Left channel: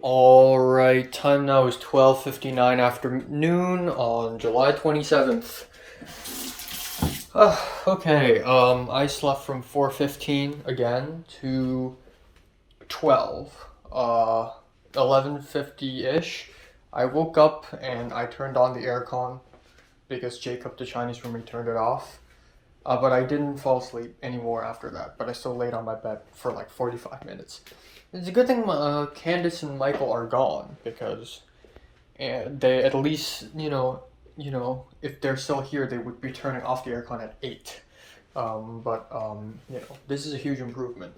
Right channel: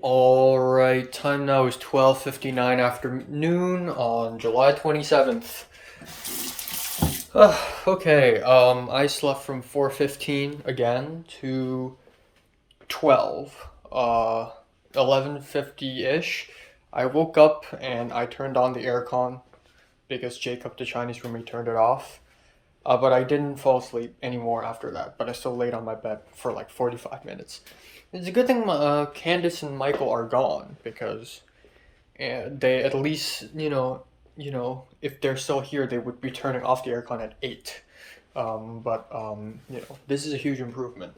All right, time now is 12:59 afternoon on July 27th. Okay, I slept from 4:15 again to 12. 11:50-ish. I woke up and I turned on the aircon because Jacob, the Chinese roommate, turned it off. But I didn't fall asleep anymore after that, but I still laid on my bed for like 45 minutes. It's a good thing Candace and Michael are gone because they at least if they're still here they would be turning off the aircon at 8. But this is a huge improvement,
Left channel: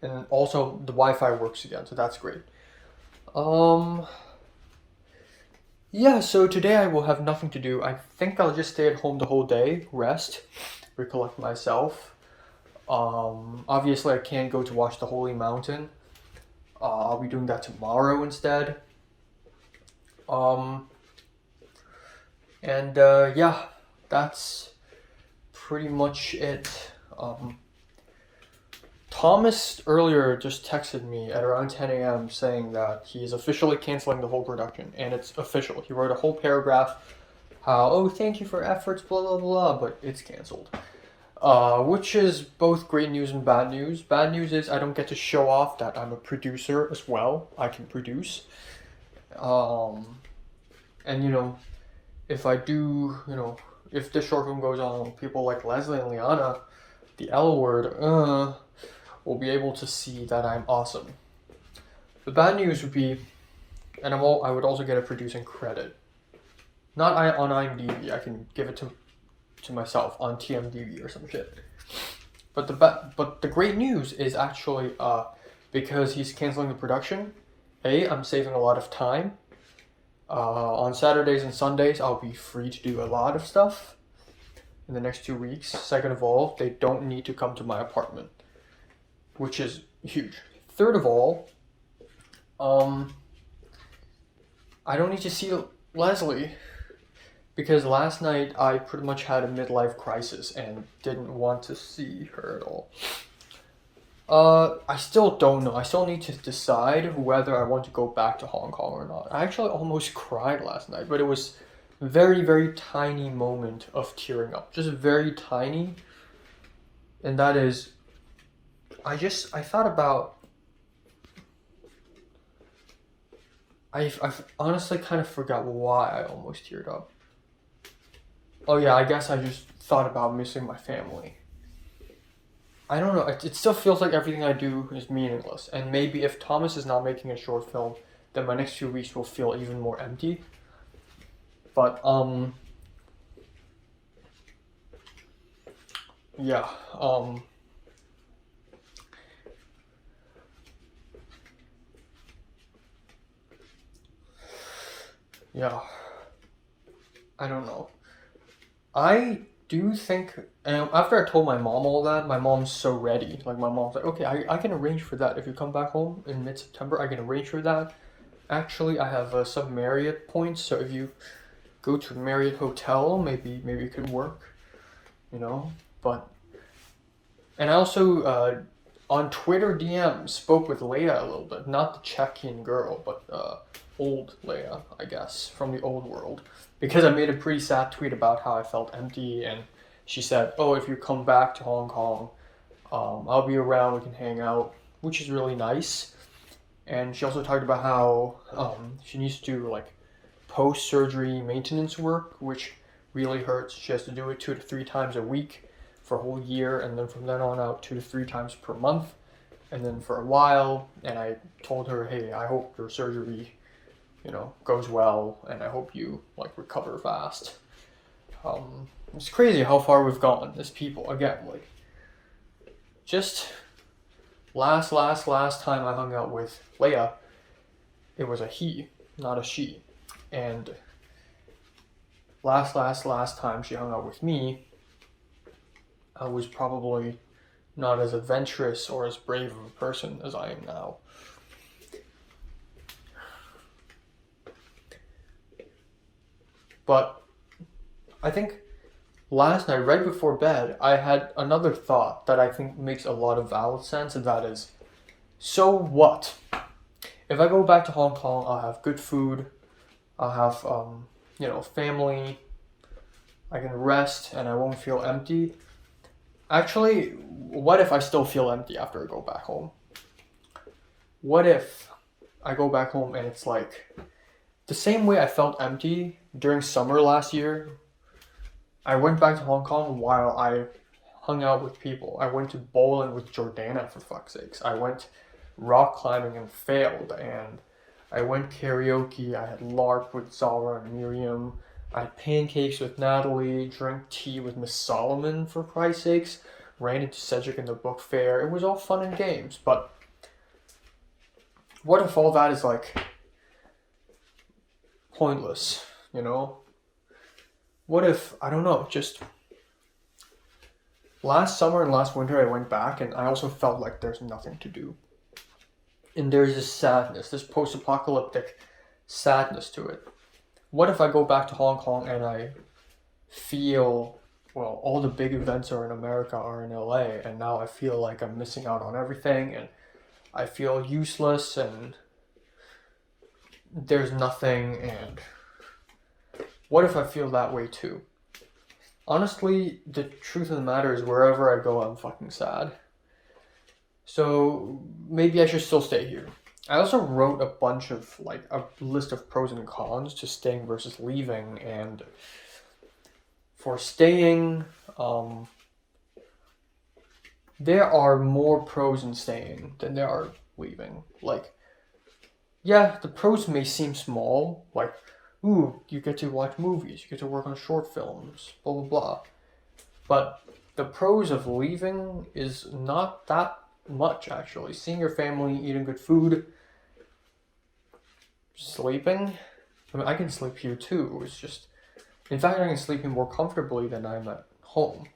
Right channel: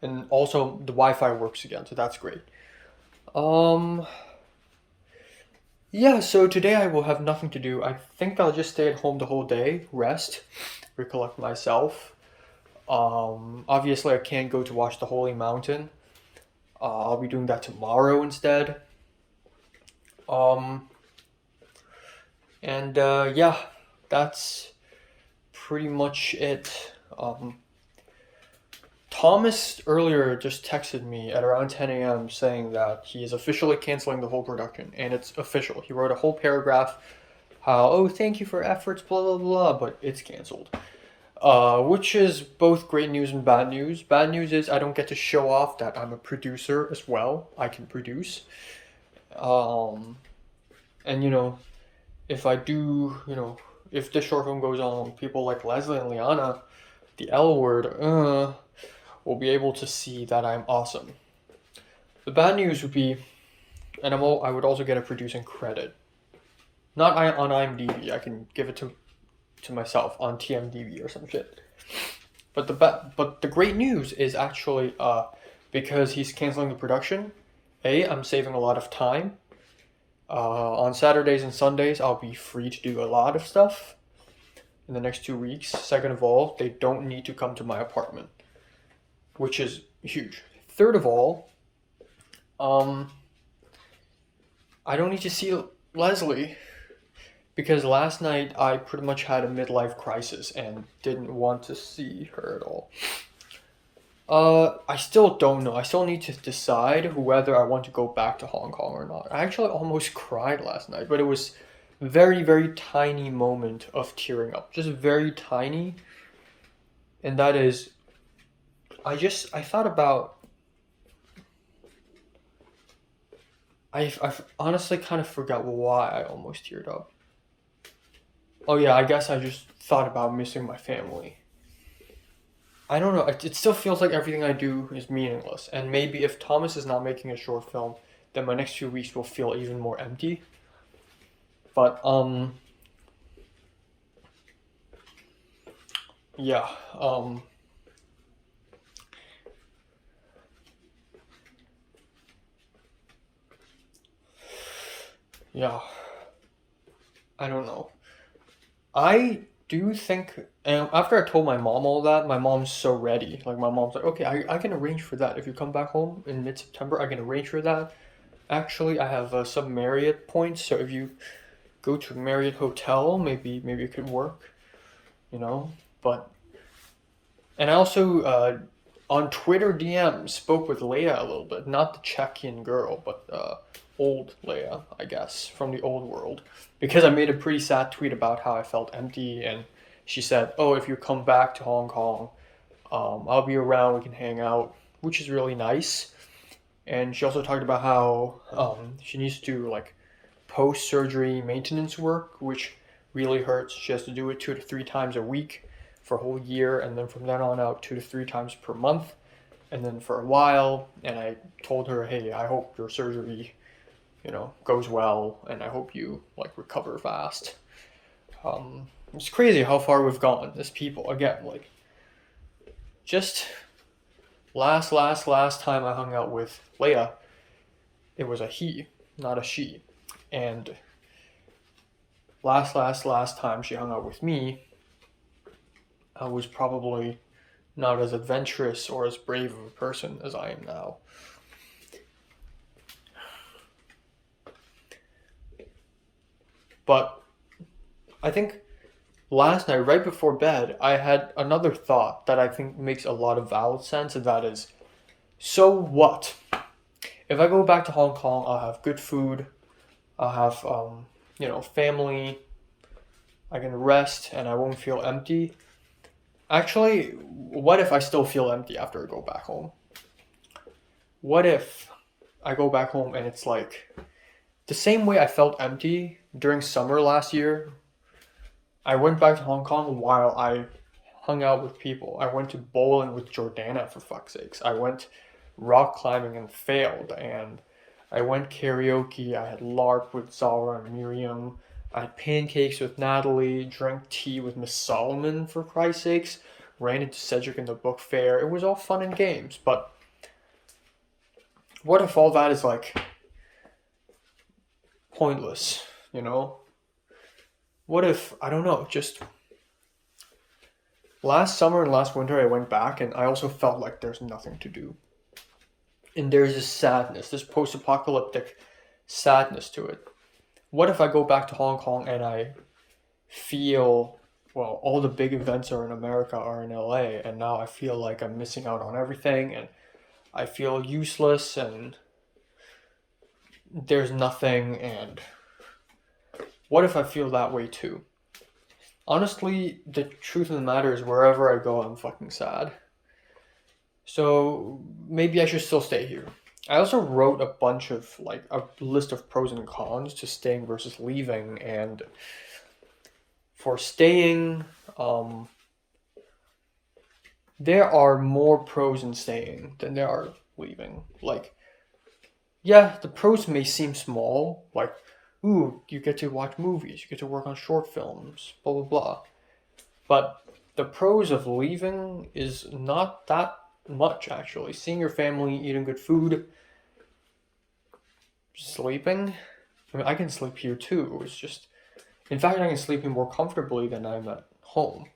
and also the Wi-Fi works again, so that's great. Um, yeah. So today I will have nothing to do. I think I'll just stay at home the whole day, rest, recollect myself. Obviously I can't go to watch the Holy Mountain. I'll be doing that tomorrow instead. Um, and yeah, that's pretty much it. Thomas earlier just texted me at around 10 a.m. saying that he is officially canceling the whole production, and it's official. He wrote a whole paragraph how, oh, thank you for efforts, blah, blah, blah, but it's canceled. Which is both great news and bad news. Bad news is I don't get to show off that I'm a producer as well. I can produce. Um, and if I do, if this short film goes on, people like Leslie and Liana, the L word, will be able to see that I'm awesome. The bad news would be, and I would also get a producing credit. Not on IMDb. I can give it to myself on TMDb or some shit. But the great news is actually because he's canceling the production. I'm saving a lot of time. On Saturdays and Sundays, I'll be free to do a lot of stuff in the next 2 weeks. Second of all, they don't need to come to my apartment, which is huge. Third of all, um, I don't need to see Leslie because last night I pretty much had a midlife crisis and didn't want to see her at all. I still don't know. I still need to decide whether I want to go back to Hong Kong or not. I actually almost cried last night, but it was very, very tiny moment of tearing up. Just very tiny. And that is, I thought about, I honestly kind of forgot why I almost teared up. Oh yeah, I guess I just thought about missing my family. I don't know. It still feels like everything I do is meaningless. And maybe if Thomas is not making a short film, then my next few weeks will feel even more empty. But yeah. Yeah. I don't know. I do think, and after I told my mom all that, my mom's so ready. Like my mom's like, okay, I can arrange for that. If you come back home in mid-September, I can arrange for that. Actually, I have some Marriott points, so if you go to a Marriott hotel, maybe it could work, you know. But and I also on Twitter DM spoke with Leia a little bit, not the Czechian girl, but old Leia, I guess, from the old world, because I made a pretty sad tweet about how I felt empty, and she said, "Oh, if you come back to Hong Kong, I'll be around. We can hang out," which is really nice. And she also talked about how she needs to like post surgery maintenance work, which really hurts. She has to do it 2 to 3 times a week for a whole year, and then from then on out, 2 to 3 times per month, and then for a while. And I told her, hey, I hope your surgery, goes well, and I hope you like recover fast. It's crazy how far we've gone as people. Again, like just last time I hung out with Leia, it was a he, not a she, and last time she hung out with me, I was probably not as adventurous or as brave of a person as I am now. But I think last night, right before bed, I had another thought that I think makes a lot of valid sense, and that is, so what? if I go back to Hong Kong, I'll have good food, I'll have family, I can rest, and I won't feel empty. Actually, what if I still feel empty after I go back home? What if I go back home and it's like the same way I felt empty during summer last year? I went back to Hong Kong while I hung out with people. I went to bowling with Jordana, for fuck's sakes. I went rock climbing and failed, and I went karaoke. I had LARP with Zara and Miriam. I had pancakes with Natalie, drank tea with Miss Solomon, for Christ's sakes, ran into Cedric in the book fair. It was all fun and games, but what if all that is like pointless, you know? What if, I don't know, just last summer and last winter I went back and I also felt like there's nothing to do. And there's this sadness, this post-apocalyptic sadness to it. What if I go back to Hong Kong and I feel, well, all the big events are in America are in LA, and now I feel like I'm missing out on everything, and I feel useless, and there's nothing, and what if I feel that way too? Honestly, the truth of the matter is wherever I go, I'm fucking sad. So maybe I should still stay here. I also wrote a bunch of, like, a list of pros and cons to staying versus leaving, and for staying, there are more pros in staying than there are leaving. Like, yeah, the pros may seem small, like, ooh, you get to watch movies, you get to work on short films, blah, blah, blah. But the pros of leaving is not that much, actually. Seeing your family, eating good food, sleeping. I mean, I can sleep here too. It's just, in fact, I can sleep here more comfortably than I'm at home.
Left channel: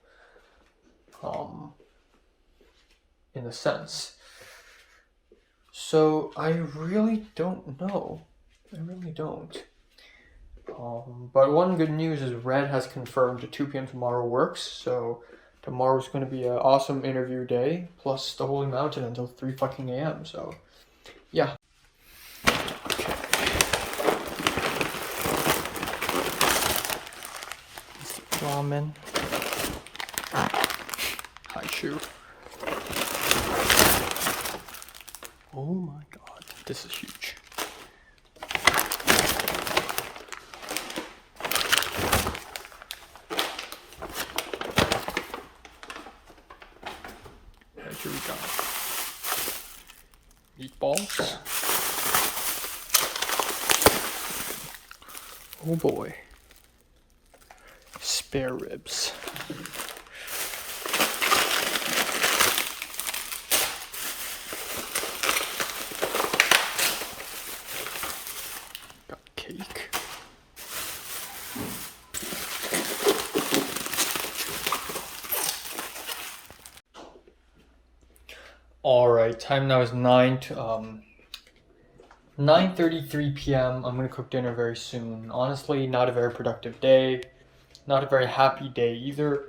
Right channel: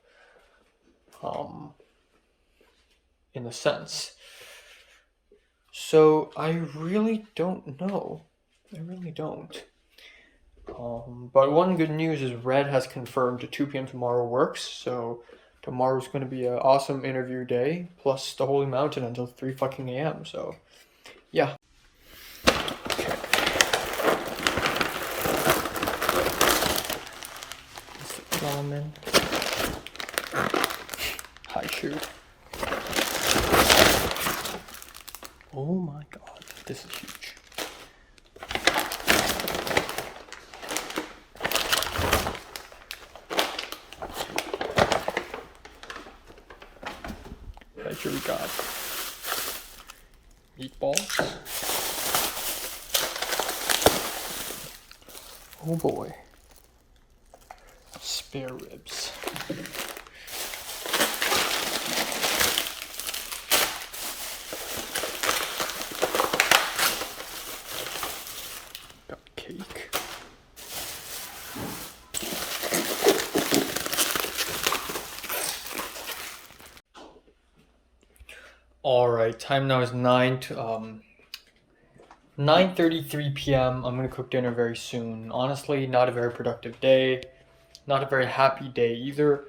In a sense. So I really don't know. I really don't. But one good news is Red has confirmed to 2 p.m. tomorrow works. So tomorrow's going to be an awesome interview day, plus the Holy Mountain until 3 fucking a.m. So, yeah. Okay. Ramen. Haichu. Oh my god, this is huge. Right, here we got meatballs. Oh boy. Spare ribs. Got cake. All right, time now is 9:33 p.m. I'm gonna cook dinner very soon. Honestly, not a very productive day, not a very happy day either.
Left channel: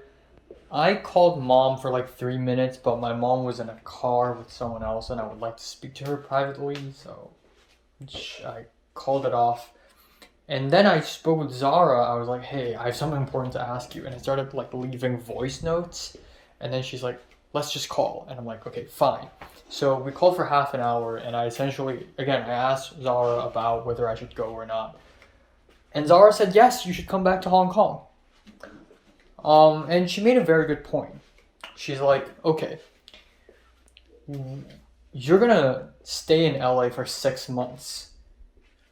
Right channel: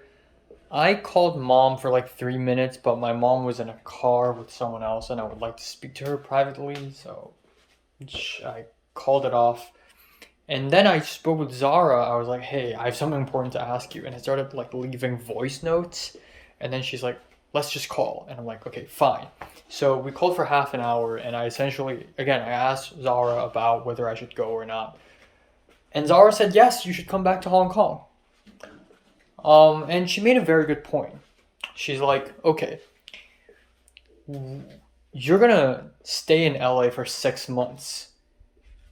I called mom for like 3 minutes, but my mom was in a car with someone else, and I would like to speak to her privately, so I called it off. And then I spoke with Zara. I was like, "Hey, I have something important to ask you," and I started like leaving voice notes, and then she's like, "Let's just call," and I'm like, "Okay, fine." So we called for half an hour, and I essentially, again, I asked Zara about whether I should go or not, and Zara said, "Yes, you should come back to Hong Kong." And she made a very good point. She's like, "Okay, you're gonna stay in LA for 6 months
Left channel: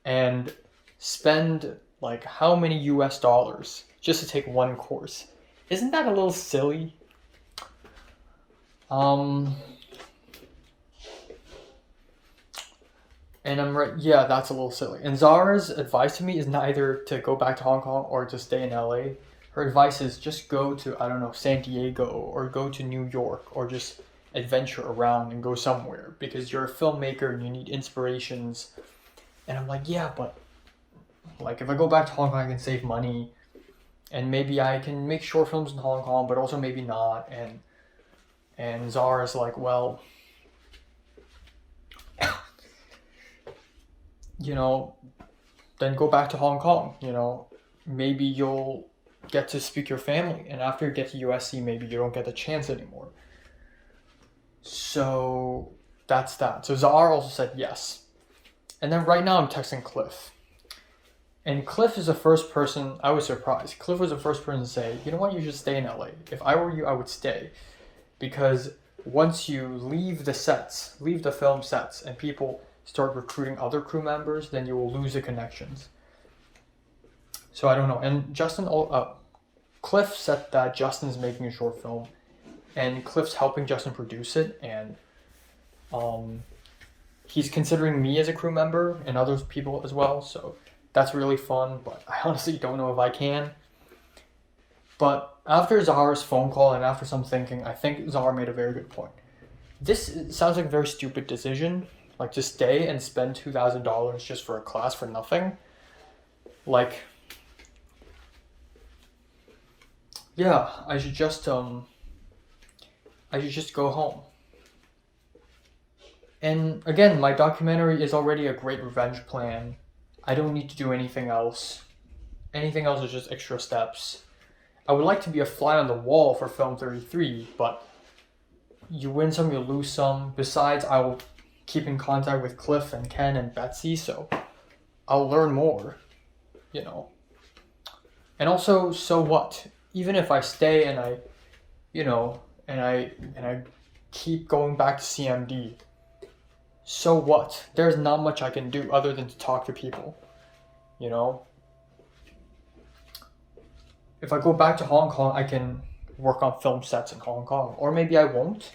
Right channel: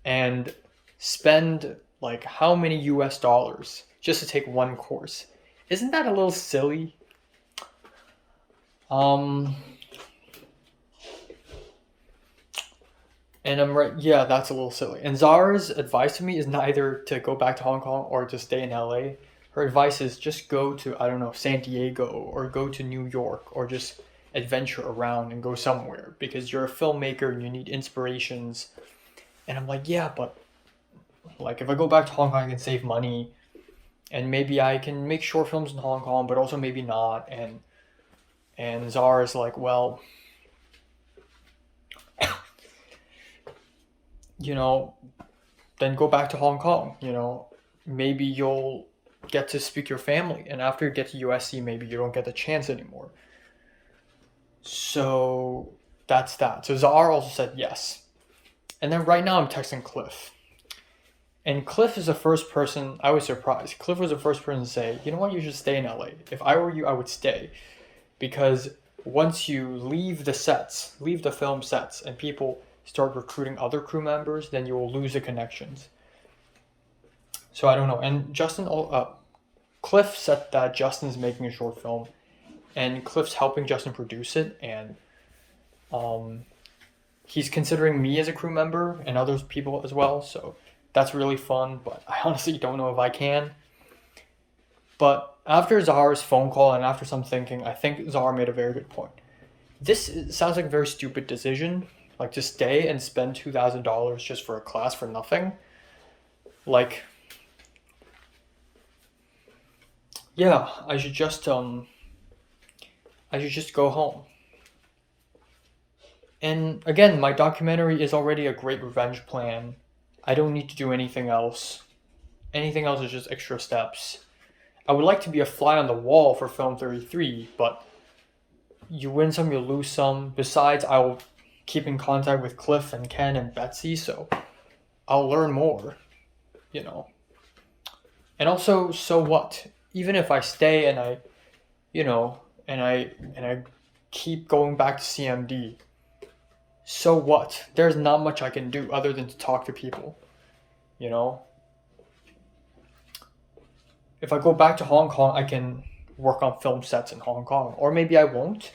and spend like how many US dollars just to take one course? Isn't that a little silly?" And I'm right, yeah, that's a little silly. And Zara's advice to me is neither to go back to Hong Kong or to stay in LA. Her advice is just go to, I don't know, San Diego or go to New York or just adventure around and go somewhere because you're a filmmaker and you need inspirations. And I'm like, yeah, but like if I go back to Hong Kong, I can save money and maybe I can make short films in Hong Kong, but also maybe not. And Zara's like, well, you know, then go back to Hong Kong, you know. Maybe you'll get to speak your family, and after you get to USC, maybe you don't get the chance anymore. So that's that. So Zahar also said yes. And then right now I'm texting Cliff. And Cliff is the first person, I was surprised. Cliff was the first person to say, you know what, you should stay in LA. If I were you, I would stay. Because once you leave the sets, leave the film sets, and people start recruiting other crew members, then you will lose the connections. So I don't know. And Cliff said that Justin's making a short film, and Cliff's helping Justin produce it, and he's considering me as a crew member and other people as well. So that's really fun, but I honestly don't know if I can. But after Zahar's phone call and after some thinking, I think Zahar made a very good point. This sounds like a very stupid decision, like to stay and spend $2,000 just for a class for nothing. Like, yeah, I should just go home. And again, my documentary is already a great revenge plan. I don't need to do anything else. Anything else is just extra steps. I would like to be a fly on the wall for Film 33, but you win some, you lose some. Besides, I will keep in contact with Cliff and Ken and Betsy, so I'll learn more, you know. And also, so what? Even if I stay and I, you know, and I keep going back to CMD, so what? There's not much I can do other than to talk to people, you know. If I go back to Hong Kong, I can work on film sets in Hong Kong, or maybe I won't.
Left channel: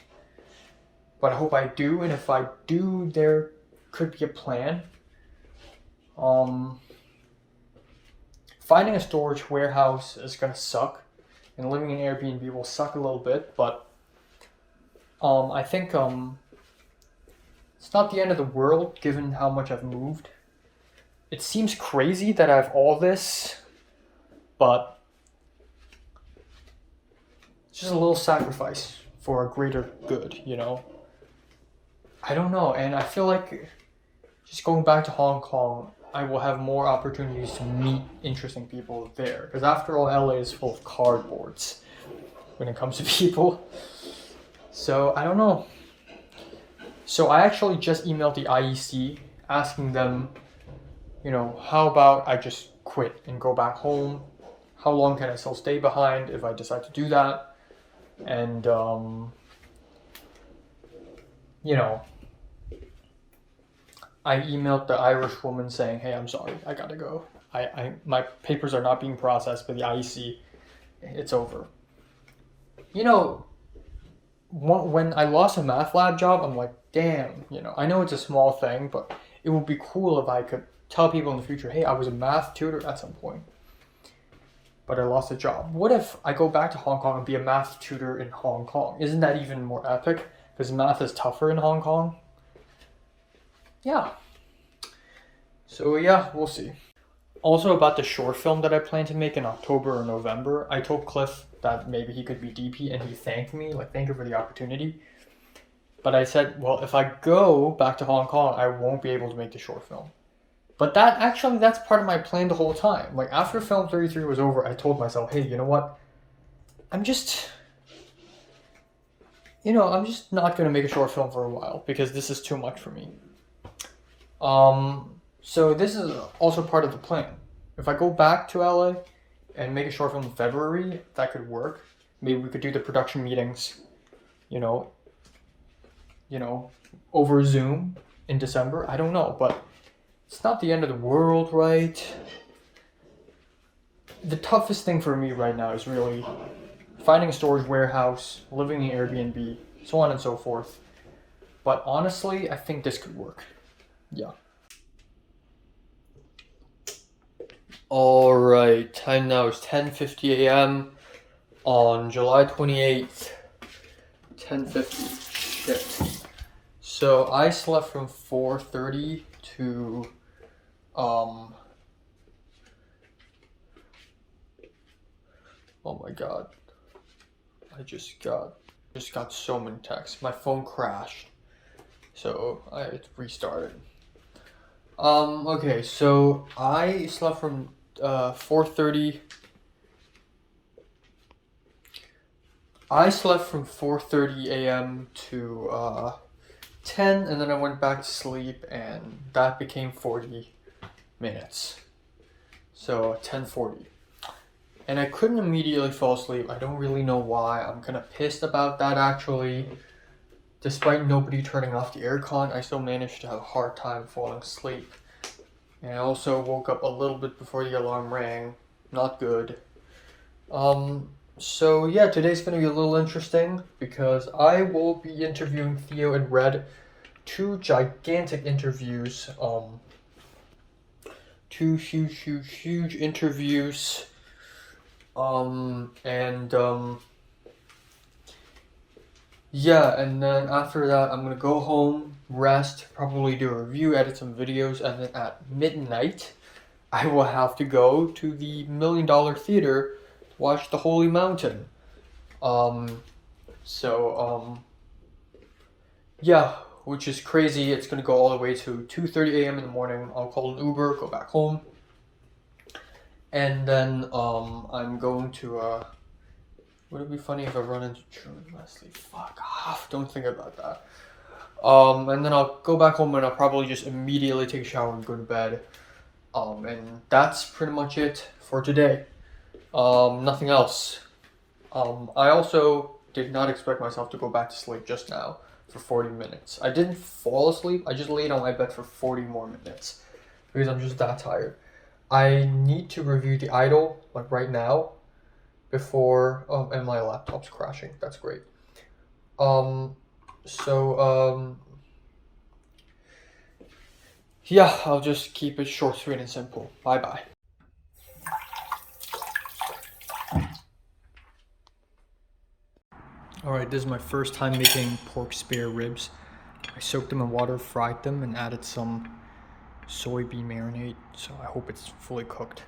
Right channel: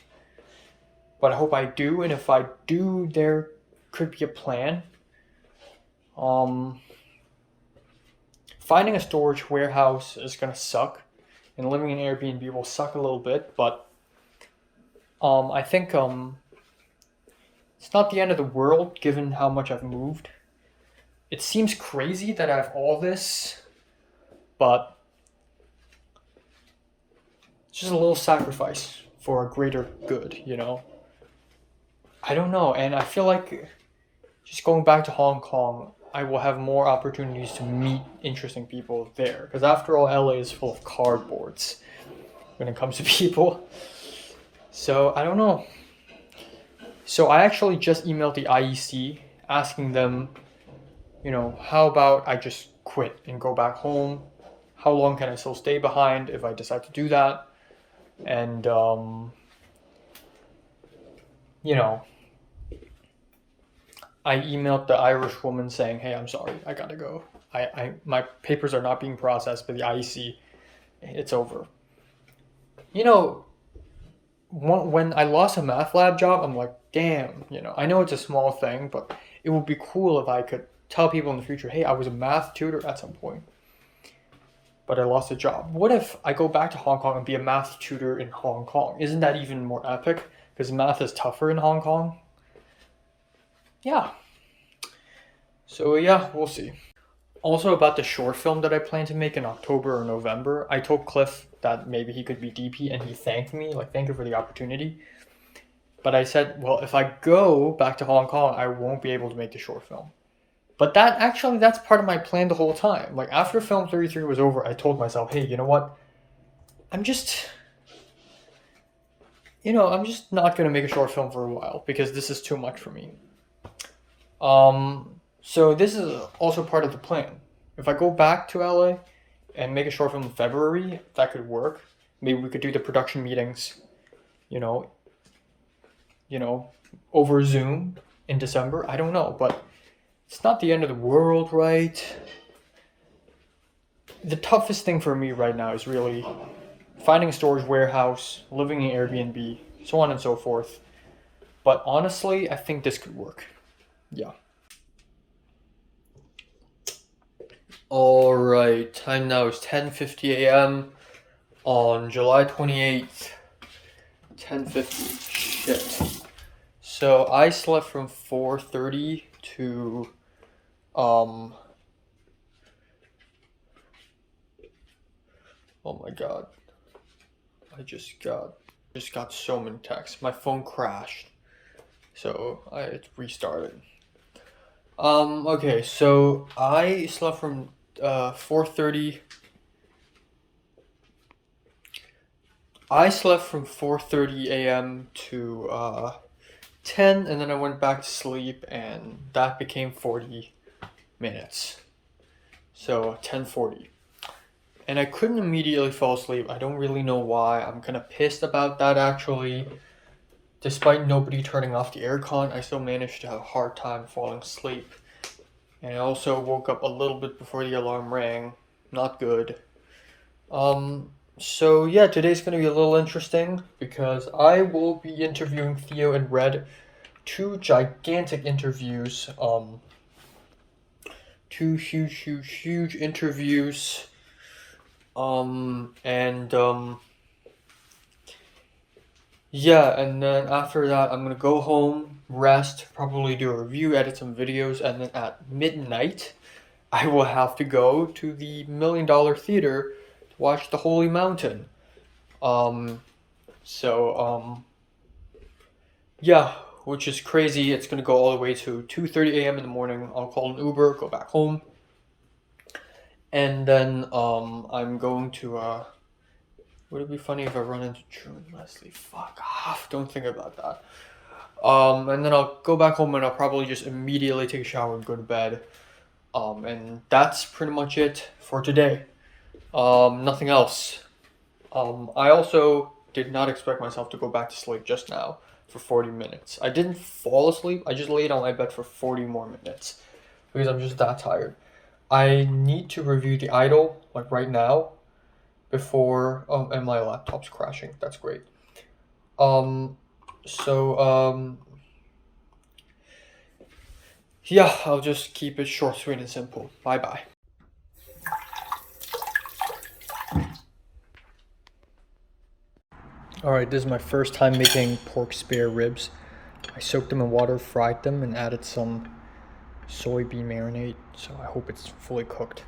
But I hope I do, and if I do, there could be a plan. Finding a storage warehouse is gonna suck, and living in Airbnb will suck a little bit. But I think it's not the end of the world given how much I've moved. It seems crazy that I have all this, but it's just a little sacrifice for a greater good, you know? I don't know, and I feel like just going back to Hong Kong, I will have more opportunities to meet interesting people there. Because after all, LA is full of cardboards when it comes to people. So I don't know. So I actually just emailed the IEC asking them, you know, how about I just quit and go back home? How long can I still stay behind if I decide to do that? And, you know, I emailed the Irish woman saying, hey, I'm sorry, I gotta go. My papers are not being processed by the IEC. It's over. You know, when I lost a math lab job, I'm like, damn, you know, I know it's a small thing, but it would be cool if I could tell people in the future, hey, I was a math tutor at some point, but I lost a job. What if I go back to Hong Kong and be a math tutor in Hong Kong? Isn't that even more epic? Because math is tougher in Hong Kong. Yeah. So yeah, we'll see. Also about the short film that I plan to make in October or November, I told Cliff that maybe he could be DP, and he thanked me, like, thank you for the opportunity. But I said, well, if I go back to Hong Kong, I won't be able to make the short film. But that's part of my plan the whole time. Like, after Film 33 was over, I told myself, hey, you know what? I'm just not going to make a short film for a while because this is too much for me. So this is also part of the plan. If I go back to LA and make a short film in February, that could work. Maybe we could do the production meetings, you know, over Zoom in December. I don't know, but it's not the end of the world, right? The toughest thing for me right now is really finding a storage warehouse, living in Airbnb, so on and so forth. But honestly, I think this could work. Yeah. Alright, time now is 10:50 a.m. on July 28th. 10:50. Shit. So I slept from 4:30 to oh my god. I just got so many texts. My phone crashed. So I restarted. Okay, so I slept from 4:30. I slept from 4:30 a.m. to 10, and then I went back to sleep, and that became 40 minutes. So 10:40. And I couldn't immediately fall asleep. I don't really know why. I'm kind of pissed about that actually. Despite nobody turning off the aircon, I still managed to have a hard time falling asleep. And I also woke up a little bit before the alarm rang. Not good. So yeah, today's gonna be a little interesting because I will be interviewing Theo and Red, two gigantic interviews. Two huge interviews. And yeah, and then after that, I'm gonna go home, rest, probably do a review, edit some videos, and then at midnight, I will have to go to the $1 Million Theater to watch The Holy Mountain. Um, so yeah, which is crazy. It's gonna go all the way to 2:30 a.m. in the morning. I'll call an Uber, go back home, and then I'm going to Would it be funny if I run into June Leslie? Fuck off! Don't think about that. And then I'll go back home and I'll probably just immediately take a shower and go to bed. And that's pretty much it for today. Nothing else. I also did not expect myself to go back to sleep just now for 40 minutes. I didn't fall asleep, I just laid on my bed for 40 more minutes because I'm just that tired. I need to review The Idol like right now before and my laptop's crashing. That's great. Um so yeah, I'll just keep it short, sweet and simple. Bye bye. Alright, this is my first time making pork spare ribs. I soaked them in water, fried them, and added some soybean marinade, so I hope it's fully cooked.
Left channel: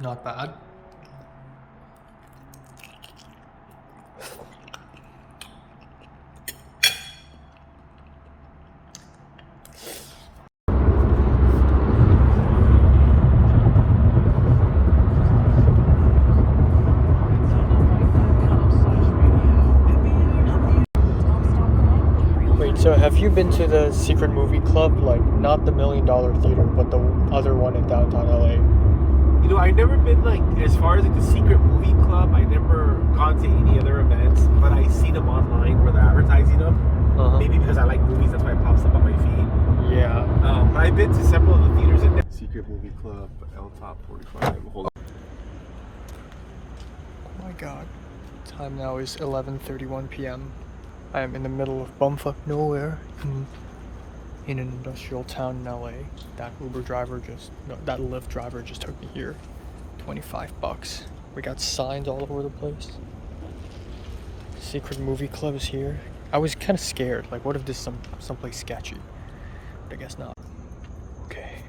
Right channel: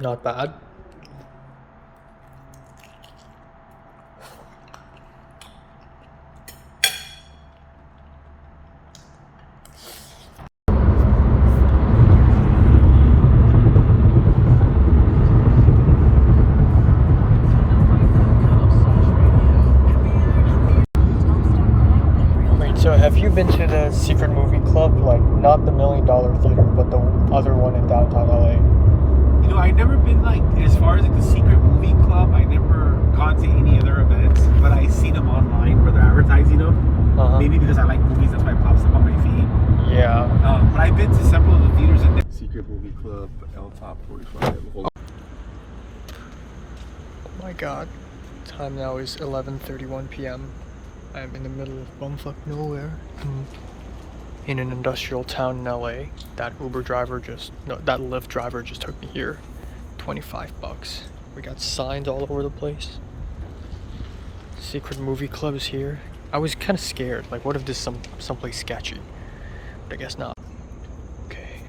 Not bad. Wait, so have you been to the Secret Movie Club? Like, not the $1 Million Theater, but the other one in downtown LA? You know, I've never been like as far as like the Secret Movie Club. I never gone to any other events, but I see them online where they're advertising them. Maybe because I like movies, that's why it pops up on my feed. Yeah. But I've been to several of the theaters in there. Secret Movie Club, L-Top 45. Oh my god. Time now is 11:31 p.m. I am in the middle of bumfuck nowhere in an industrial town in LA. That Lyft driver just took me here. $25. We got signs all over the place. Secret Movie Club is here. I was kind of scared. Like, what if this is someplace sketchy? But I guess not. Okay.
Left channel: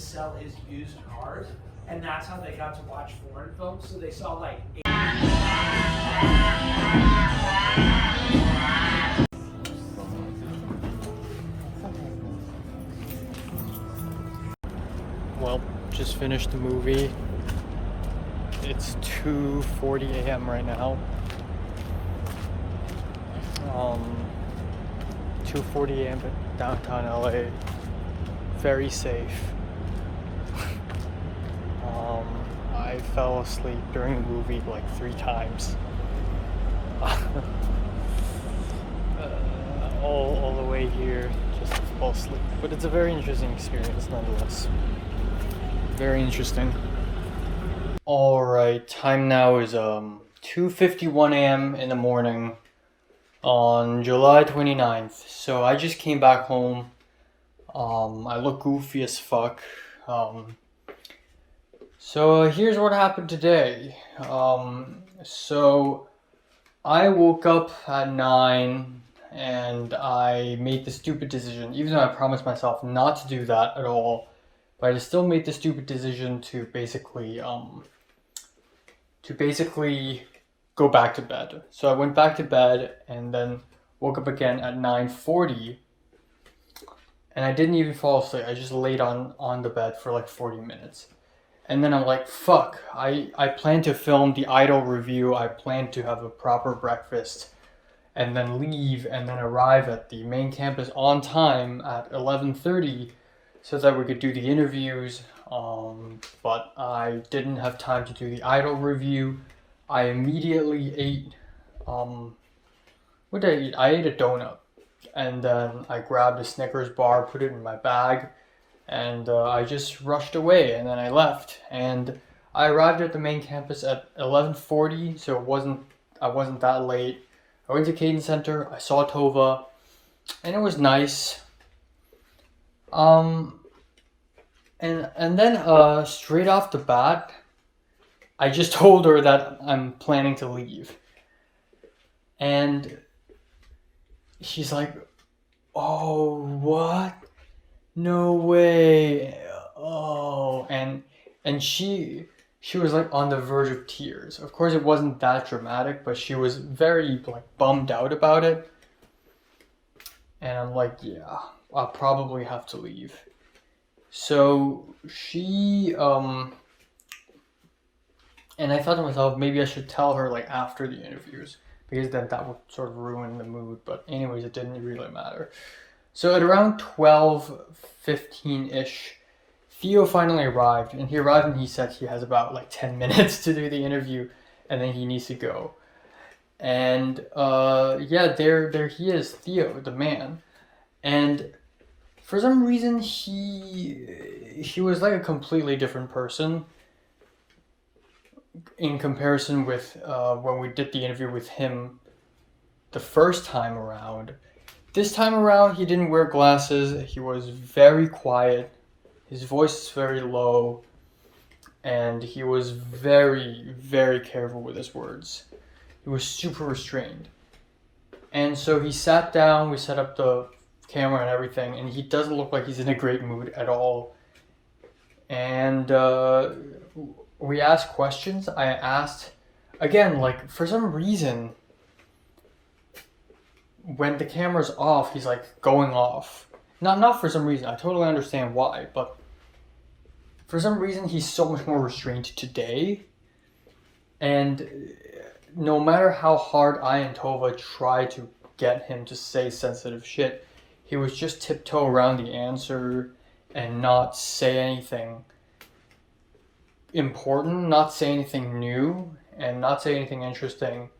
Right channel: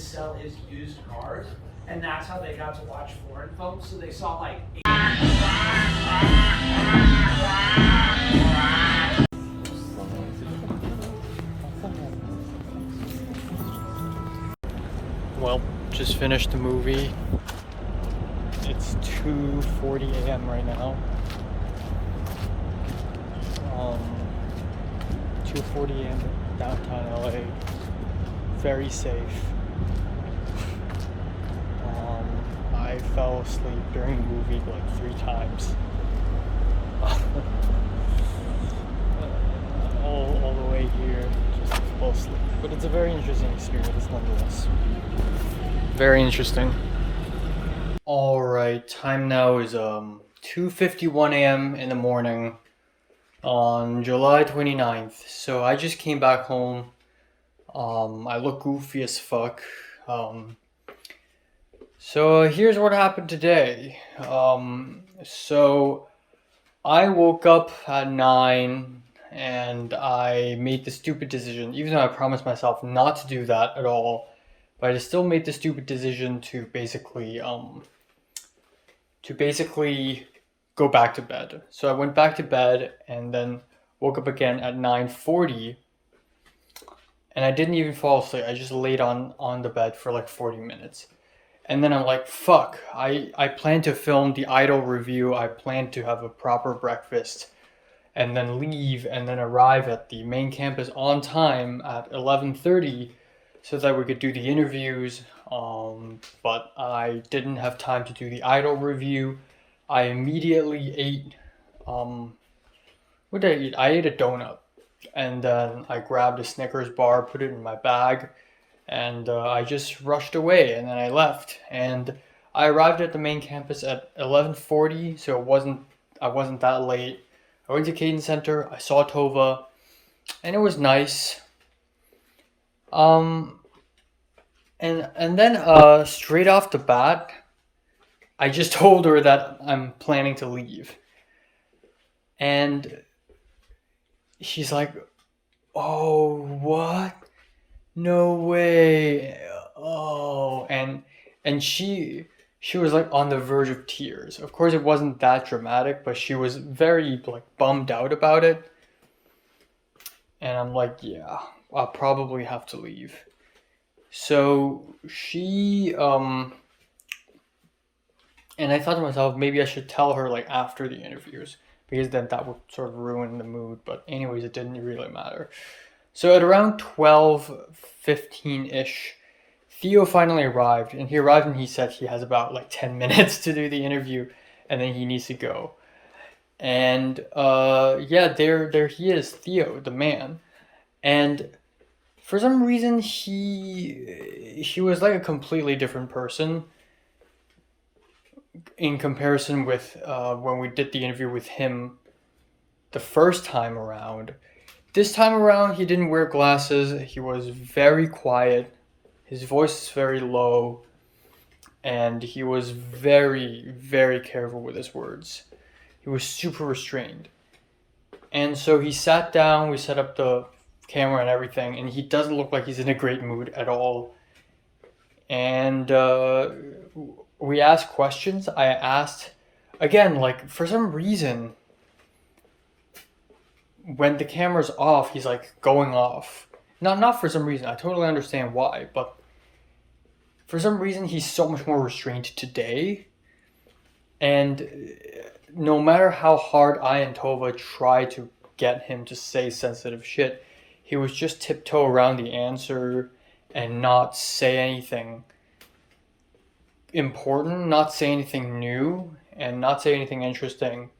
sell his used cars, and that's how they got to watch foreign films. So they saw like. Well, just finished the movie. It's 2:40 a.m. right now. 2:40 a.m. downtown LA. Very safe. I fell asleep during the movie like 3 times. All the way here, just fall asleep. But it's a very interesting experience nonetheless. Very interesting. Alright, time now is 2:51 a.m. in the morning on July 29th. So I just came back home. I look goofy as fuck. So here's what happened today. So I woke up at 9 and I made the stupid decision, even though I promised myself not to do that at all, but I still made the stupid decision to basically go back to bed. So I went back to bed and then woke up again at 9:40, and I didn't even fall asleep. I just laid on the bed for like 40 minutes. And then I'm like, fuck, I plan to film the Idol review. I plan to have a proper breakfast and then leave and then arrive at the main campus on time at 11:30 so that we could do the interviews. But I didn't have time to do the Idol review. I immediately ate, what did I eat? I ate a donut. And then I grabbed a Snickers bar, put it in my bag, and I just rushed away, and then I left. And I arrived at the main campus at 11:40, so I wasn't that late. I went to Cadence Center, I saw Tova, and it was nice. And then straight off the bat, I just told her that I'm planning to leave. And she's like, "Oh, what? No way." Oh, and she was like on the verge of tears. Of course it wasn't that dramatic, but she was very like bummed out about it. And I'm like, "Yeah, I'll probably have to leave." So she and I thought to myself, maybe I should tell her like after the interviews, because then that would sort of ruin the mood. But anyways, it didn't really matter. So at around 12:15-ish, Theo finally arrived, and he arrived and he said he has about like 10 minutes to do the interview, and then he needs to go. And yeah, there he is, Theo, the man. And for some reason, he was like a completely different person in comparison with when we did the interview with him the first time around. This time around, he didn't wear glasses. He was very quiet. His voice is very low. And he was very, very careful with his words. He was super restrained. And so he sat down, we set up the camera and everything, and he doesn't look like he's in a great mood at all. And we asked questions. I asked, again, like, for some reason, when the camera's off, he's like going off. Not for some reason. I totally understand why, but for some reason, he's so much more restrained today. And no matter how hard I and Tova tried to get him to say sensitive shit, he was just tiptoe around the answer and not say anything important, not say anything new, and not say anything interesting.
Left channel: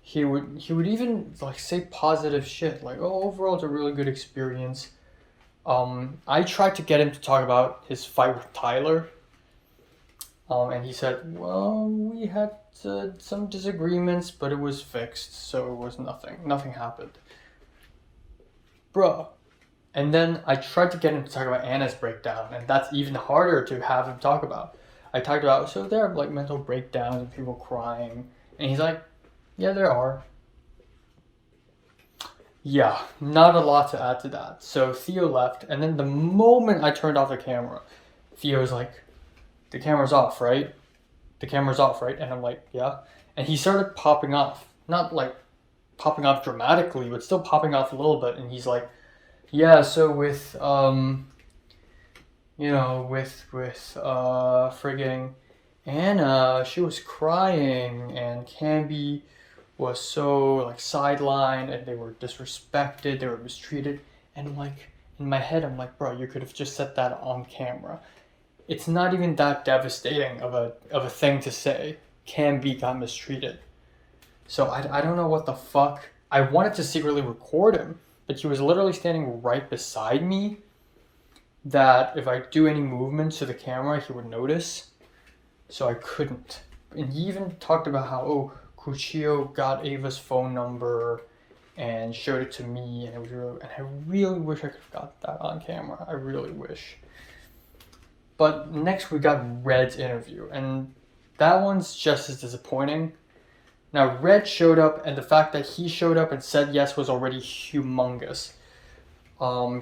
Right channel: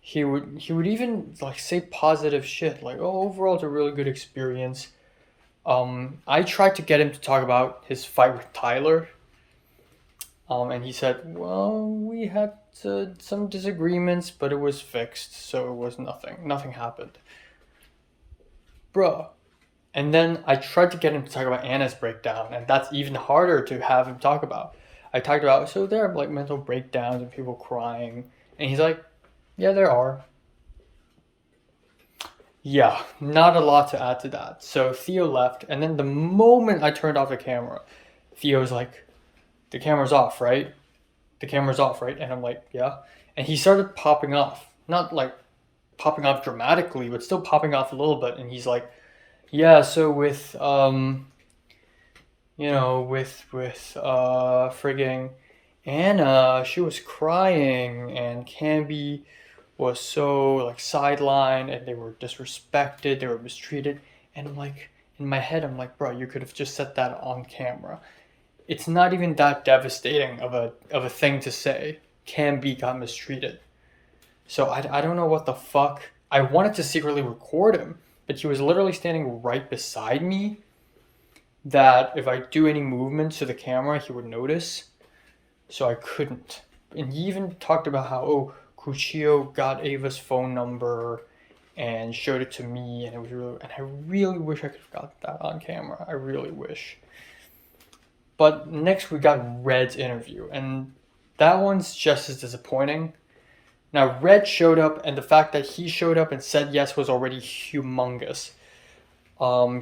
He would even like say positive shit, like, "Oh, overall it's a really good experience." I tried to get him to talk about his fight with Tyler, and he said, "Well, we had some disagreements, but it was fixed, so it was nothing happened." Bruh. And then I tried to get him to talk about Anna's breakdown, and that's even harder to have him talk about. I talked about, so there are like mental breakdowns and people crying, and he's like, "Yeah, there are." Yeah, not a lot to add to that. So Theo left, and then the moment I turned off the camera, Theo's like, the camera's off, right? The camera's off, right? And I'm like, yeah. And he started popping off. Not like popping off dramatically, but still popping off a little bit. And he's like, yeah, so with, frigging Anna, she was crying, and Canby was so, like, sidelined, and they were disrespected, they were mistreated. And, like, in my head, I'm like, bro, you could have just said that on camera. It's not even that devastating of a thing to say. Canby got mistreated. So I don't know what the fuck. I wanted to secretly record him, but he was literally standing right beside me, that if I do any movements to the camera, he would notice. So I couldn't. And he even talked about how, Cuchillo got Ava's phone number and showed it to me, and it was really, and I really wish I could have got that on camera. I really wish. But next we got Red's interview, and that one's just as disappointing. Now, Red showed up, and the fact that he showed up and said yes was already humongous.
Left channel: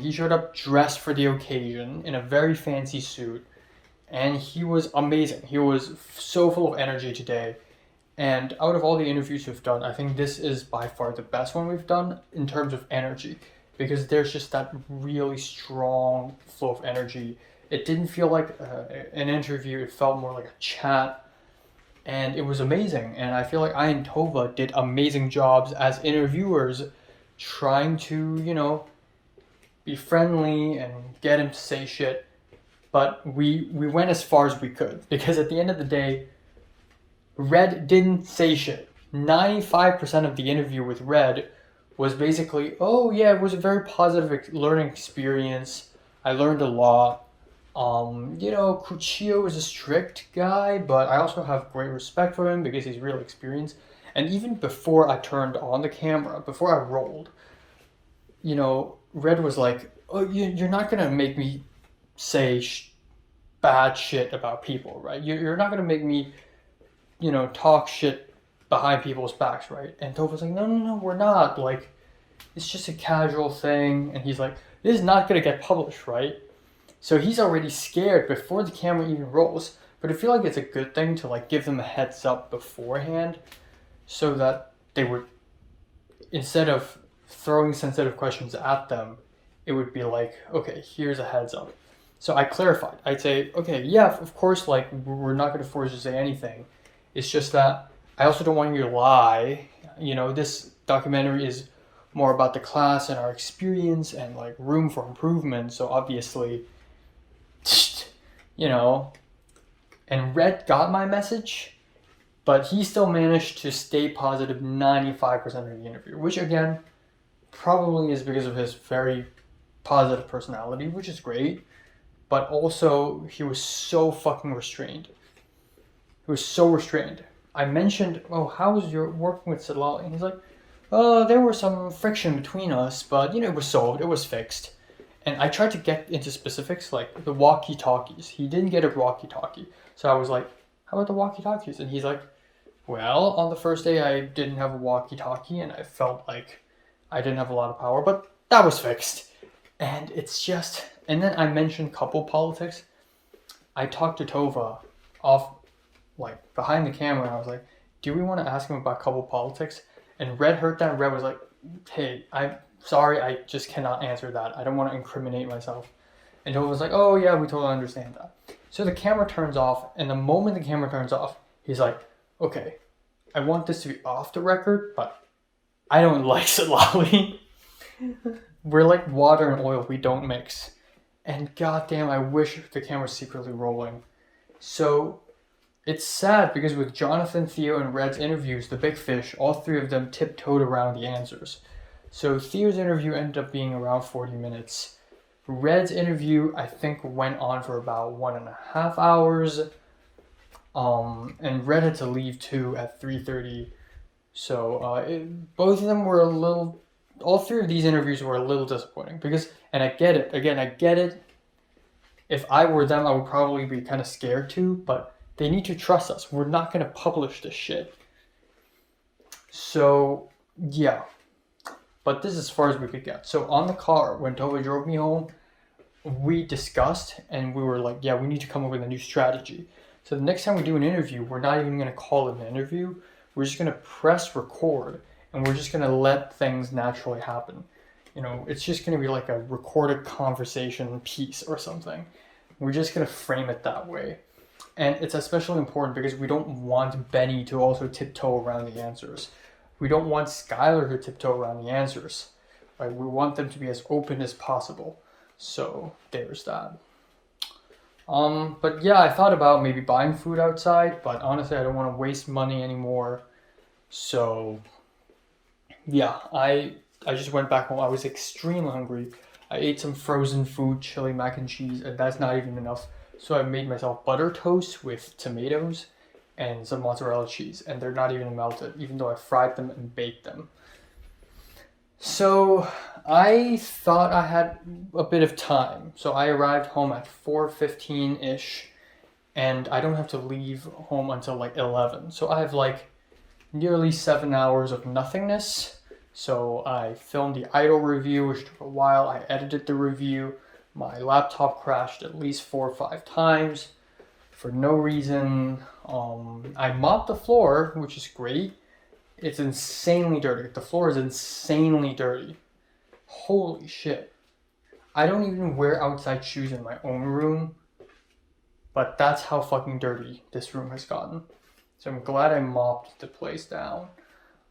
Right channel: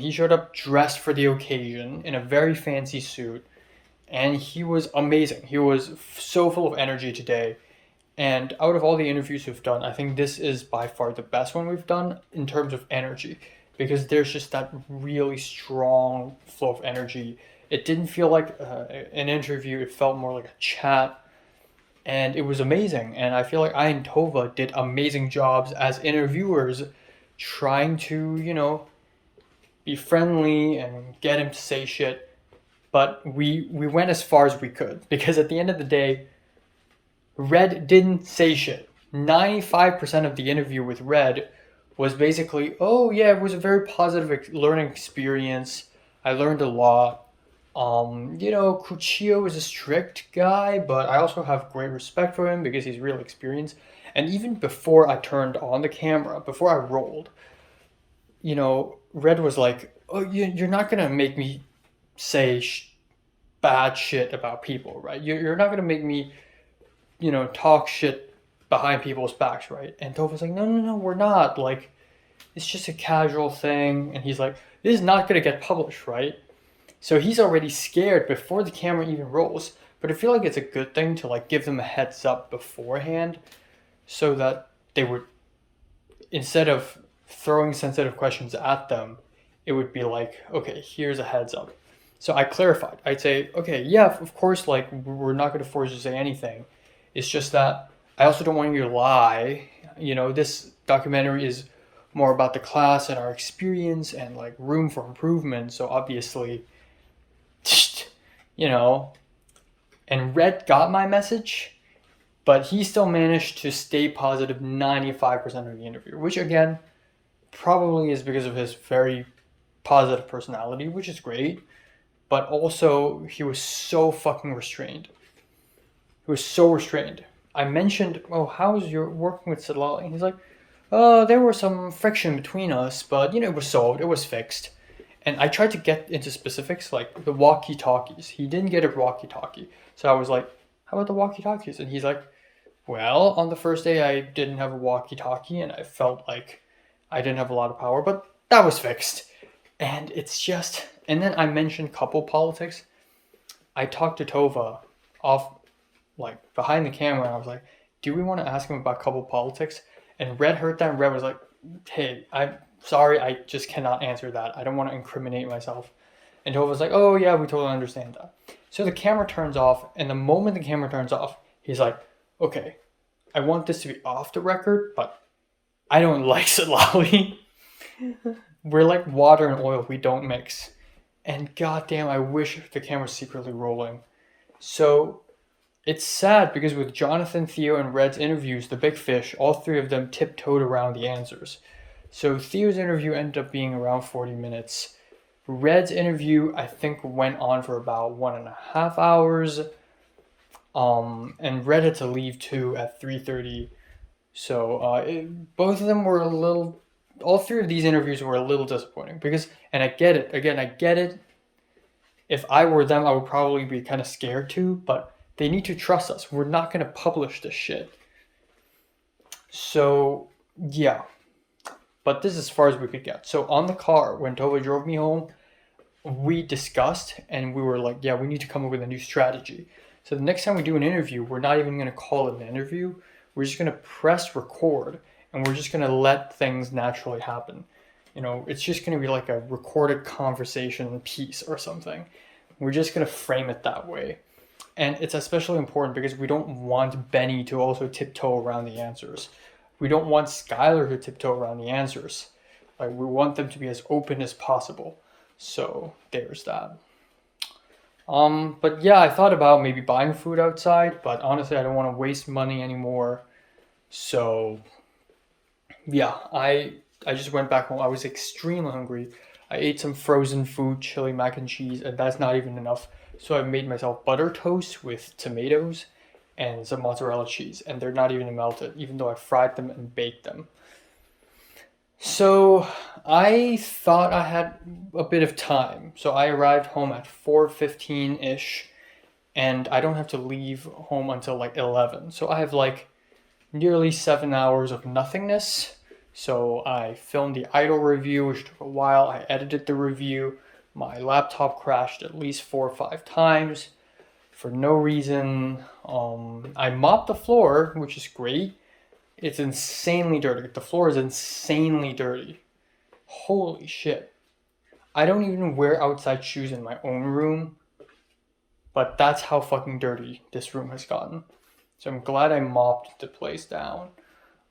He showed up dressed for the occasion in a very fancy suit, and he was amazing. He was so full of energy today. And out of all the interviews we've done, I think this is by far the best one we've done in terms of energy, because there's just that really strong flow of energy. It didn't feel like an interview, it felt more like a chat, and it was amazing. And I feel like I and Tova did amazing jobs as interviewers, trying to, be friendly and get him to say shit. But we went as far as we could, because at the end of the day, Red didn't say shit. 95% of the interview with Red was basically, oh yeah, it was a very positive learning experience. I learned a lot. Cuchillo is a strict guy, but I also have great respect for him because he's real experienced. And even before I turned on the camera, before I rolled, Red was like, oh, you're not going to make me say bad shit about people, right? You're not going to make me, talk shit behind people's backs, right? And Tova's like, no, we're not. Like, it's just a casual thing. And he's like, this is not going to get published, right? So he's already scared before the camera even rolls. But I feel like it's a good thing to, like, give them a heads up beforehand, so that they would, instead of throwing sensitive questions at them, it would be like, okay, here's a heads up. So I clarified. I'd say, okay, yeah, of course, like, we're not going to force you to say anything. It's just that I also don't want you to lie. This documentary is more about the class and our experience and, like, room for improvement. So obviously, and Red got my message, but he still managed to stay positive 95% of the interview, which again, probably is because of his very positive personality, which is great. But also, he was so fucking restrained. He was so restrained. I mentioned, how was your working with Sadlali? And he's like, there was some friction between us, but, it was solved. It was fixed. And I tried to get into specifics, like the walkie-talkies. He didn't get a walkie-talkie. So I was like, how about the walkie-talkies? And he's like, well, on the first day I didn't have a walkie-talkie, and I felt like I didn't have a lot of power, but that was fixed. And it's just... And then I mentioned couple politics. I talked to Tova off, like, behind the camera, and I was like, do we want to ask him about couple politics? And Red heard that, and Red was like, hey, I'm sorry, I just cannot answer that. I don't want to incriminate myself. And Tova was like, oh yeah, we totally understand that. So the camera turns off, and the moment the camera turns off, he's like, okay, I want this to be off the record, but I don't like Sadlali. We're like water and oil, we don't mix. And goddamn, I wish the camera's secretly rolling. So it's sad because with Jonathan, Theo, and Red's interviews, the big fish, all three of them tiptoed around the answers. So Theo's interview ended up being around 40 minutes. Red's interview, I think, went on for about 1.5 hours. And Red had to leave too at 3:30. So both of them were all three of these interviews were a little disappointing because, and I get it. Again, I get it. If I were them, I would probably be kind of scared too, but they need to trust us. We're not going to publish this shit. So, yeah. But this is as far as we could get. So on the car, when Tova drove me home, we discussed and we were like, yeah, we need to come up with a new strategy. So the next time we do an interview, we're not even going to call it an interview. We're just going to press record and we're just going to let things naturally happen. It's just going to be like a recorded conversation piece or something. We're just going to frame it that way. And it's especially important because we don't want Benny to also tiptoe around the answers. We don't want Skylar to tiptoe around the answers. Like, we want them to be as open as possible. So there's that. But yeah, I thought about maybe buying food outside, but honestly, I don't want to waste money anymore. So yeah, I just went back home. I was extremely hungry. I ate some frozen food, chili mac and cheese, and that's not even enough. So I made myself butter toast with tomatoes and some mozzarella cheese, and they're not even melted, even though I fried them and baked them. So I thought I had a bit of time. So I arrived home at 4:15-ish, and I don't have to leave home until like 11. So I have like nearly 7 hours of nothingness. So I filmed the Idol review, which took a while. I edited the review. My laptop crashed at least 4 or 5 times for no reason. I mopped the floor, which is great. It's insanely dirty. The floor is insanely dirty. Holy shit. I don't even wear outside shoes in my own room, but that's how fucking dirty this room has gotten. So I'm glad I mopped the place down.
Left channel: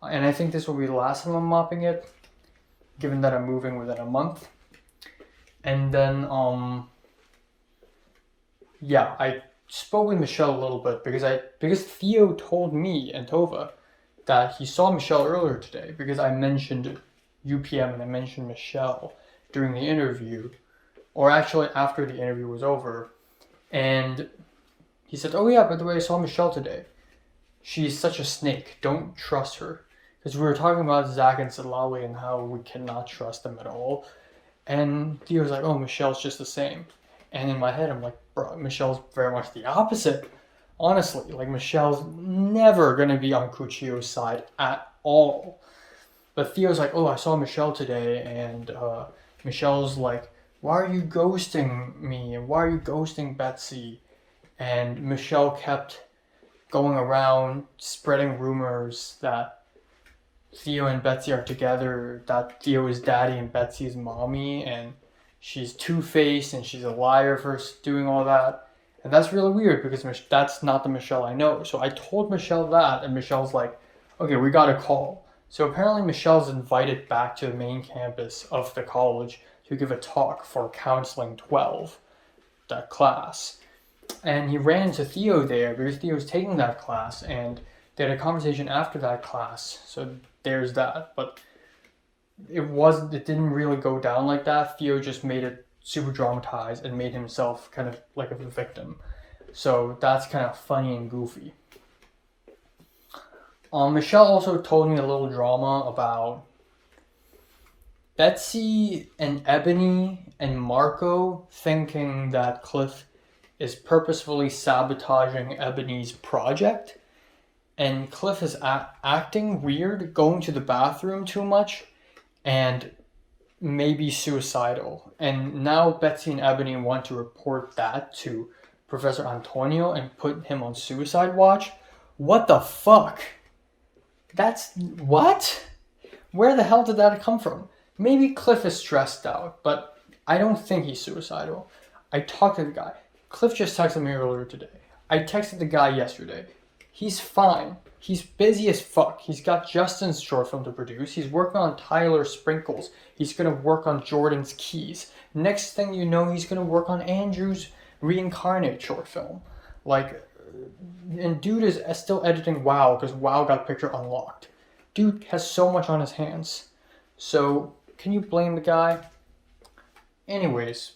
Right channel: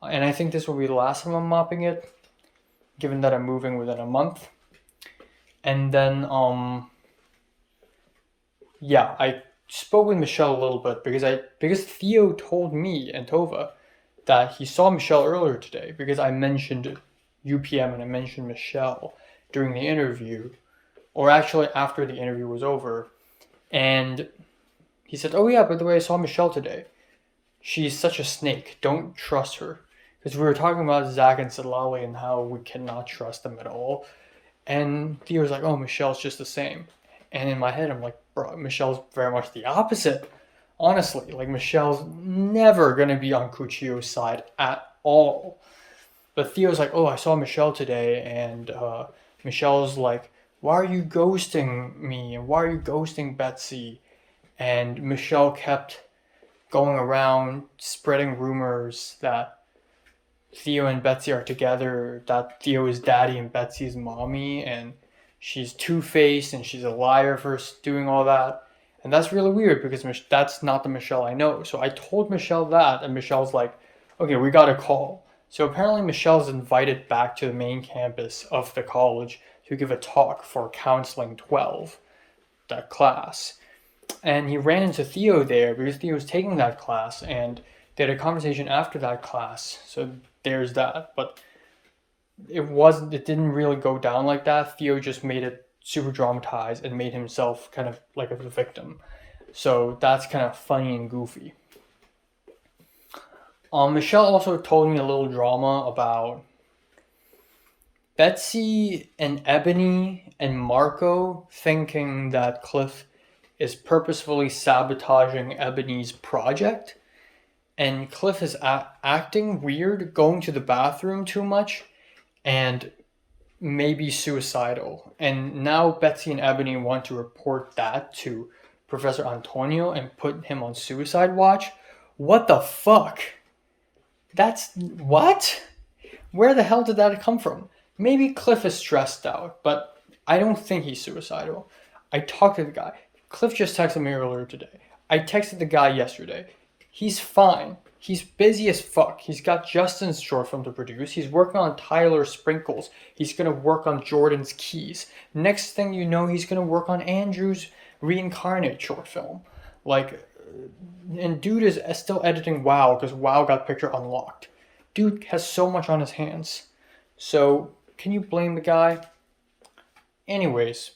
And I think this will be the last time I'm mopping it, given that I'm moving within a month. And then, yeah, I spoke with Michelle a little bit because Theo told me and Tova that he saw Michelle earlier today because I mentioned UPM and I mentioned Michelle during the interview, or actually after the interview was over. And he said, oh yeah, by the way, I saw Michelle today. She's such a snake. Don't trust her. Because we were talking about Zach and Salali and how we cannot trust them at all. And Theo's like, oh, Michelle's just the same. And in my head, I'm like, bro, Michelle's very much the opposite. Honestly, like, Michelle's never going to be on Kuchio's side at all. But Theo's like, oh, I saw Michelle today. And Michelle's like, why are you ghosting me? And why are you ghosting Betsy? And Michelle kept going around spreading rumors that Theo and Betsy are together, that Theo is daddy and Betsy is mommy, and she's two-faced and she's a liar for doing all that. And that's really weird because that's not the Michelle I know. So I told Michelle that, and Michelle's like, okay, we got a call. So apparently Michelle's invited back to the main campus of the college to give a talk for Counseling 12, that class. And he ran into Theo there because Theo was taking that class, and they had a conversation after that class. So there's that. But it didn't really go down like that. Theo just made it super dramatized and made himself kind of like a victim. So that's kind of funny and goofy. Michelle also told me a little drama about Betsy and Ebony and Marco thinking that Cliff is purposefully sabotaging Ebony's project. And Cliff is acting weird, going to the bathroom too much, and maybe suicidal. And now Betsy and Ebony want to report that to Professor Antonio and put him on suicide watch. What the fuck? What? Where the hell did that come from? Maybe Cliff is stressed out, but I don't think he's suicidal. I talked to the guy. Cliff just texted me earlier today. I texted the guy yesterday. He's fine. He's busy as fuck. He's got Justin's short film to produce. He's working on Tyler Sprinkles. He's going to work on Jordan's Keys. Next thing you know, he's going to work on Andrew's Reincarnate short film. And dude is still editing WoW because WoW got picture unlocked. Dude has so much on his hands. So, can you blame the guy? Anyways,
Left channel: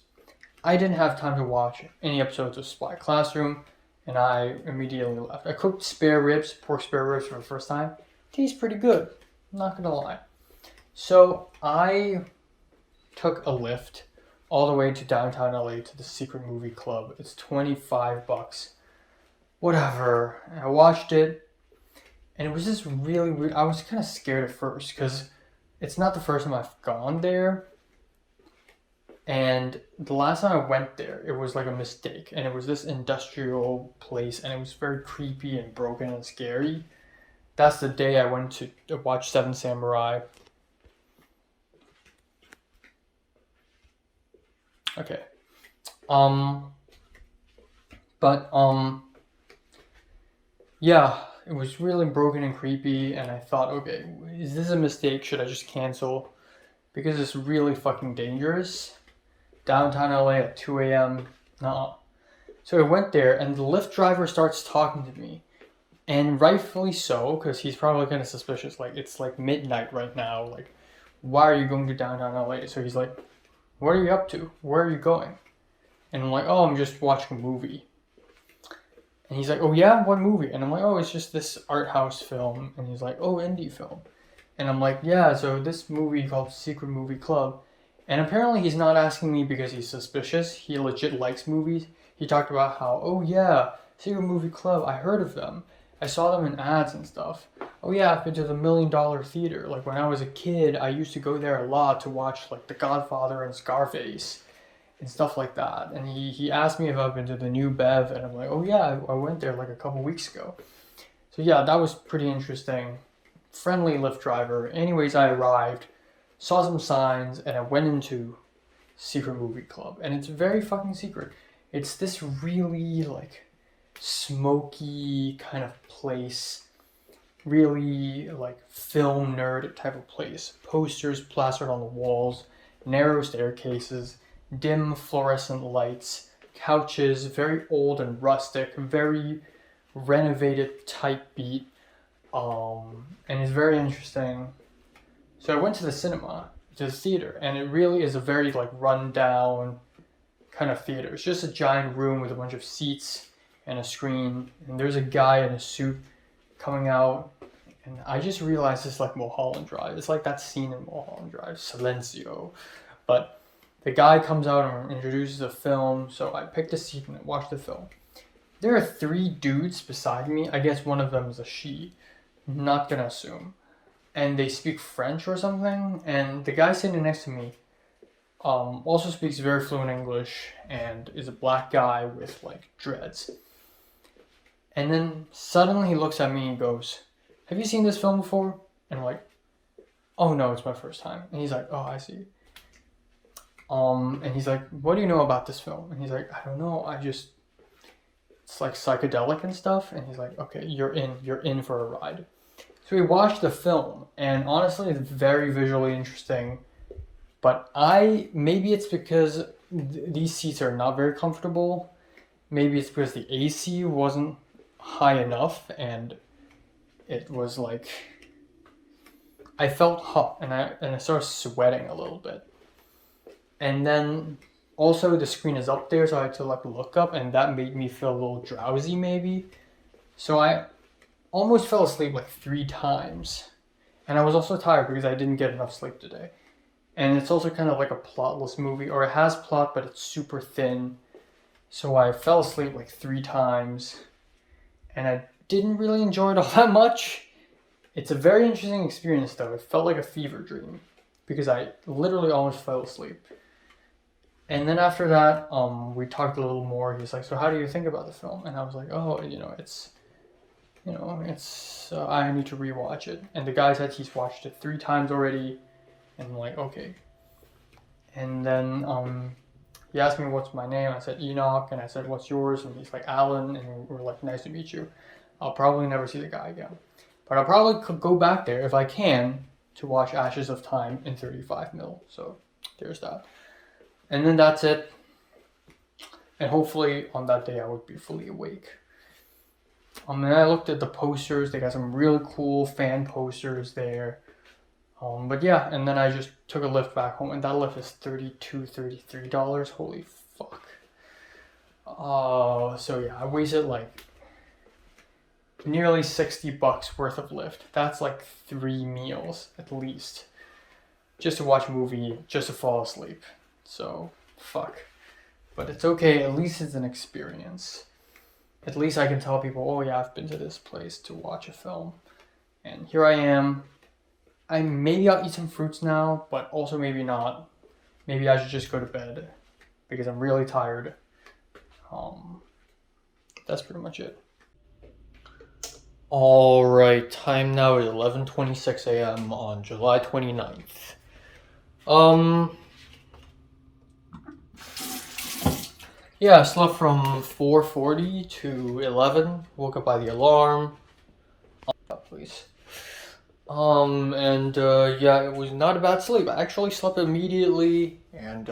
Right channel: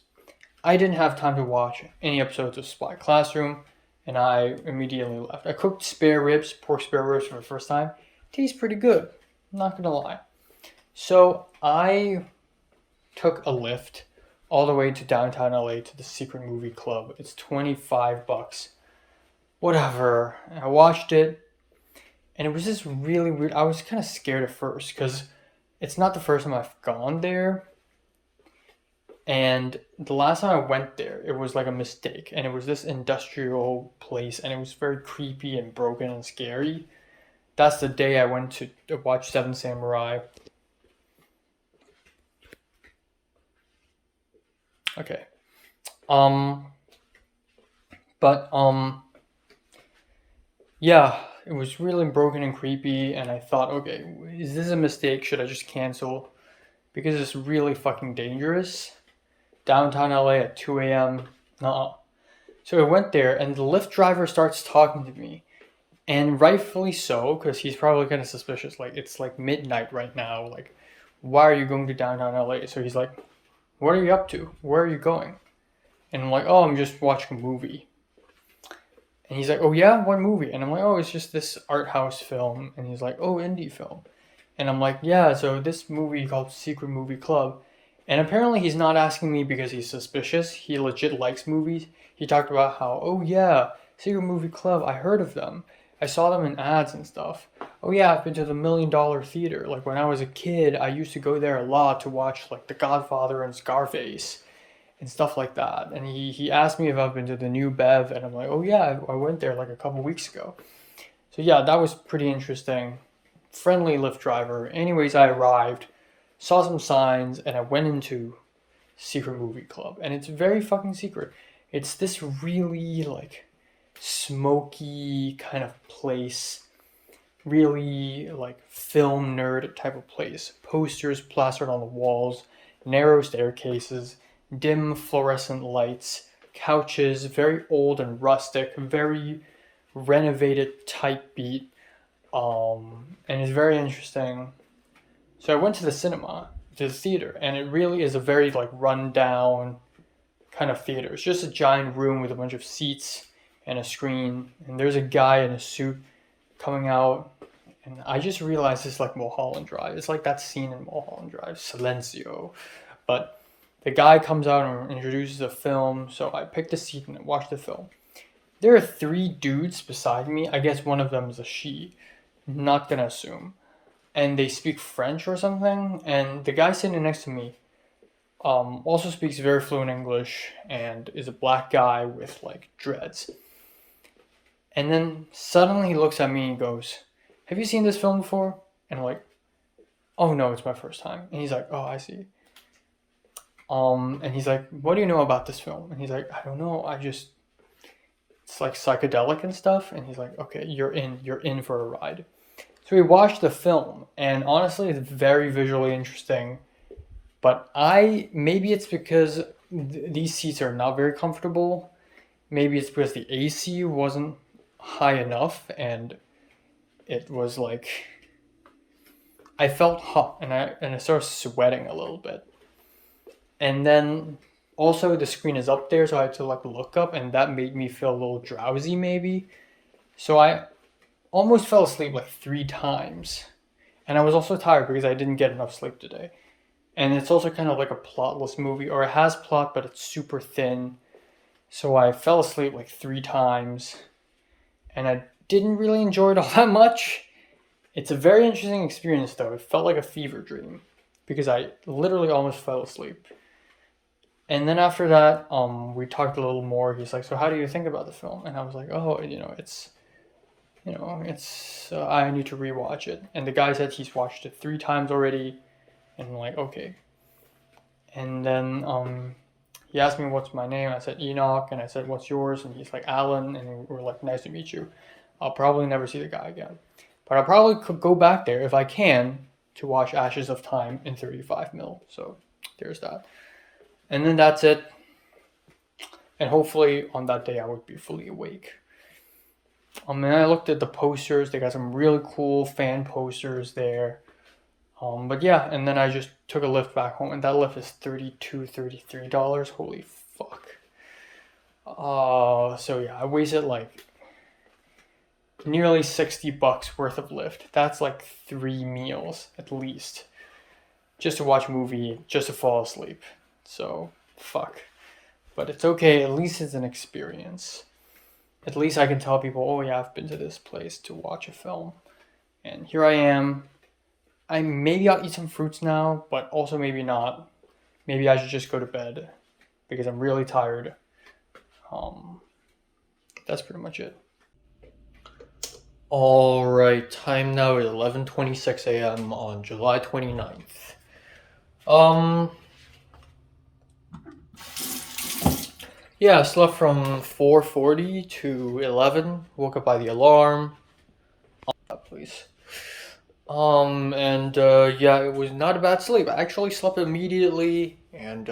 I didn't have time to watch any episodes of Spy Classroom, and I immediately left. I cooked pork spare ribs for the first time. Tastes pretty good, I'm not gonna lie. So I took a Lyft all the way to downtown LA to the Secret Movie Club. It's $25. Whatever. And I watched it, and it was just really weird. I was kind of scared at first because it's not the first time I've gone there. And the last time I went there, it was like a mistake, and it was this industrial place, and it was very creepy and broken and scary. That's the day I went to watch Seven Samurai. Okay. But yeah, it was really broken and creepy, and I thought, okay, is this a mistake? Should I just cancel? Because it's really fucking dangerous. Downtown LA at 2 a.m. Nah. So I went there, and the Lyft driver starts talking to me. And rightfully so, because he's probably kind of suspicious. Like, it's like midnight right now. Like, why are you going to downtown LA? So he's like, what are you up to? Where are you going? And I'm like, oh, I'm just watching a movie. And he's like, oh yeah, what movie? And I'm like, oh, it's just this art house film. And he's like, oh, indie film. And I'm like, yeah, so this movie called Secret Movie Club. And apparently he's not asking me because he's suspicious. He legit likes movies. He talked about how, oh yeah, Secret Movie Club, I heard of them. I saw them in ads and stuff. Oh yeah, I've been to the $1 Million Theater. Like when I was a kid, I used to go there a lot to watch like The Godfather and Scarface and stuff like that. And he asked me if I've been to the New Bev, and I'm like, oh yeah, I went there like a couple weeks ago. So yeah, that was pretty interesting. Friendly Lyft driver. Anyways, I arrived, saw some signs, and I went into Secret Movie Club. And it's very fucking secret. It's this really like smoky kind of place, really like film nerd type of place. Posters plastered on the walls, narrow staircases, dim fluorescent lights, couches, very old and rustic, very renovated type beat, and it's very interesting. So I went to the cinema, to the theater, and it really is a very like run down kind of theater. It's just a giant room with a bunch of seats and a screen, and there's a guy in a suit coming out, and I just realized it's like Mulholland Drive. It's like that scene in Mulholland Drive, Silencio. But the guy comes out and introduces a film, so I picked a seat and watched the film. There are 3 dudes beside me. I guess one of them is a she. Not gonna assume. And they speak French or something, and the guy sitting next to me also speaks very fluent English and is a black guy with like dreads. And then suddenly he looks at me and goes, have you seen this film before? And I'm like, oh no, it's my first time. And he's like, oh, I see. And he's like, what do you know about this film? And he's like, I don't know. It's like psychedelic and stuff. And he's like, okay, you're in for a ride. So we watched the film, and honestly, it's very visually interesting. But maybe it's because these seats are not very comfortable. Maybe it's because the AC wasn't high enough, and it was like, I felt hot, and I started sweating a little bit. And then also the screen is up there, so I had to like look up, and that made me feel a little drowsy maybe. So I almost fell asleep like 3 times. And I was also tired because I didn't get enough sleep today. And it's also kind of like a plotless movie, or it has plot, but it's super thin. So I fell asleep like 3 times, and I didn't really enjoy it all that much. It's a very interesting experience though. It felt like a fever dream because I literally almost fell asleep. And then after that, we talked a little more. He's like, so how do you think about the film? And I was like, oh, it's I need to rewatch it. And the guy said he's watched it 3 times already. And I'm like, okay. And then he asked me what's my name. I said Enoch, and I said what's yours, and he's like Alan, and we're like, nice to meet you. I'll probably never see the guy again, but I probably could go back there if I can to watch Ashes of Time in 35mm. So there's that. And then that's it. And hopefully on that day I would be fully awake. And I looked at the posters. They got some really cool fan posters there. But yeah, and then I just took a Lyft back home, and that Lyft is $33. Holy fuck. So yeah, I wasted like nearly $60 worth of Lyft. That's like 3 meals at least, just to watch a movie, just to fall asleep. So fuck. But it's okay. At least it's an experience. At least I can tell people, oh yeah, I've been to this place to watch a film, and here I am. Maybe I'll eat some fruits now, but also maybe not. maybe I should just go to bed because I'm really tired. That's pretty much it. All right, time now is 11:26 a.m. on July 29th. Yeah, I slept from 4:40 to 11. Woke up by the alarm. Please. Yeah, it was not a bad sleep. I actually slept immediately, and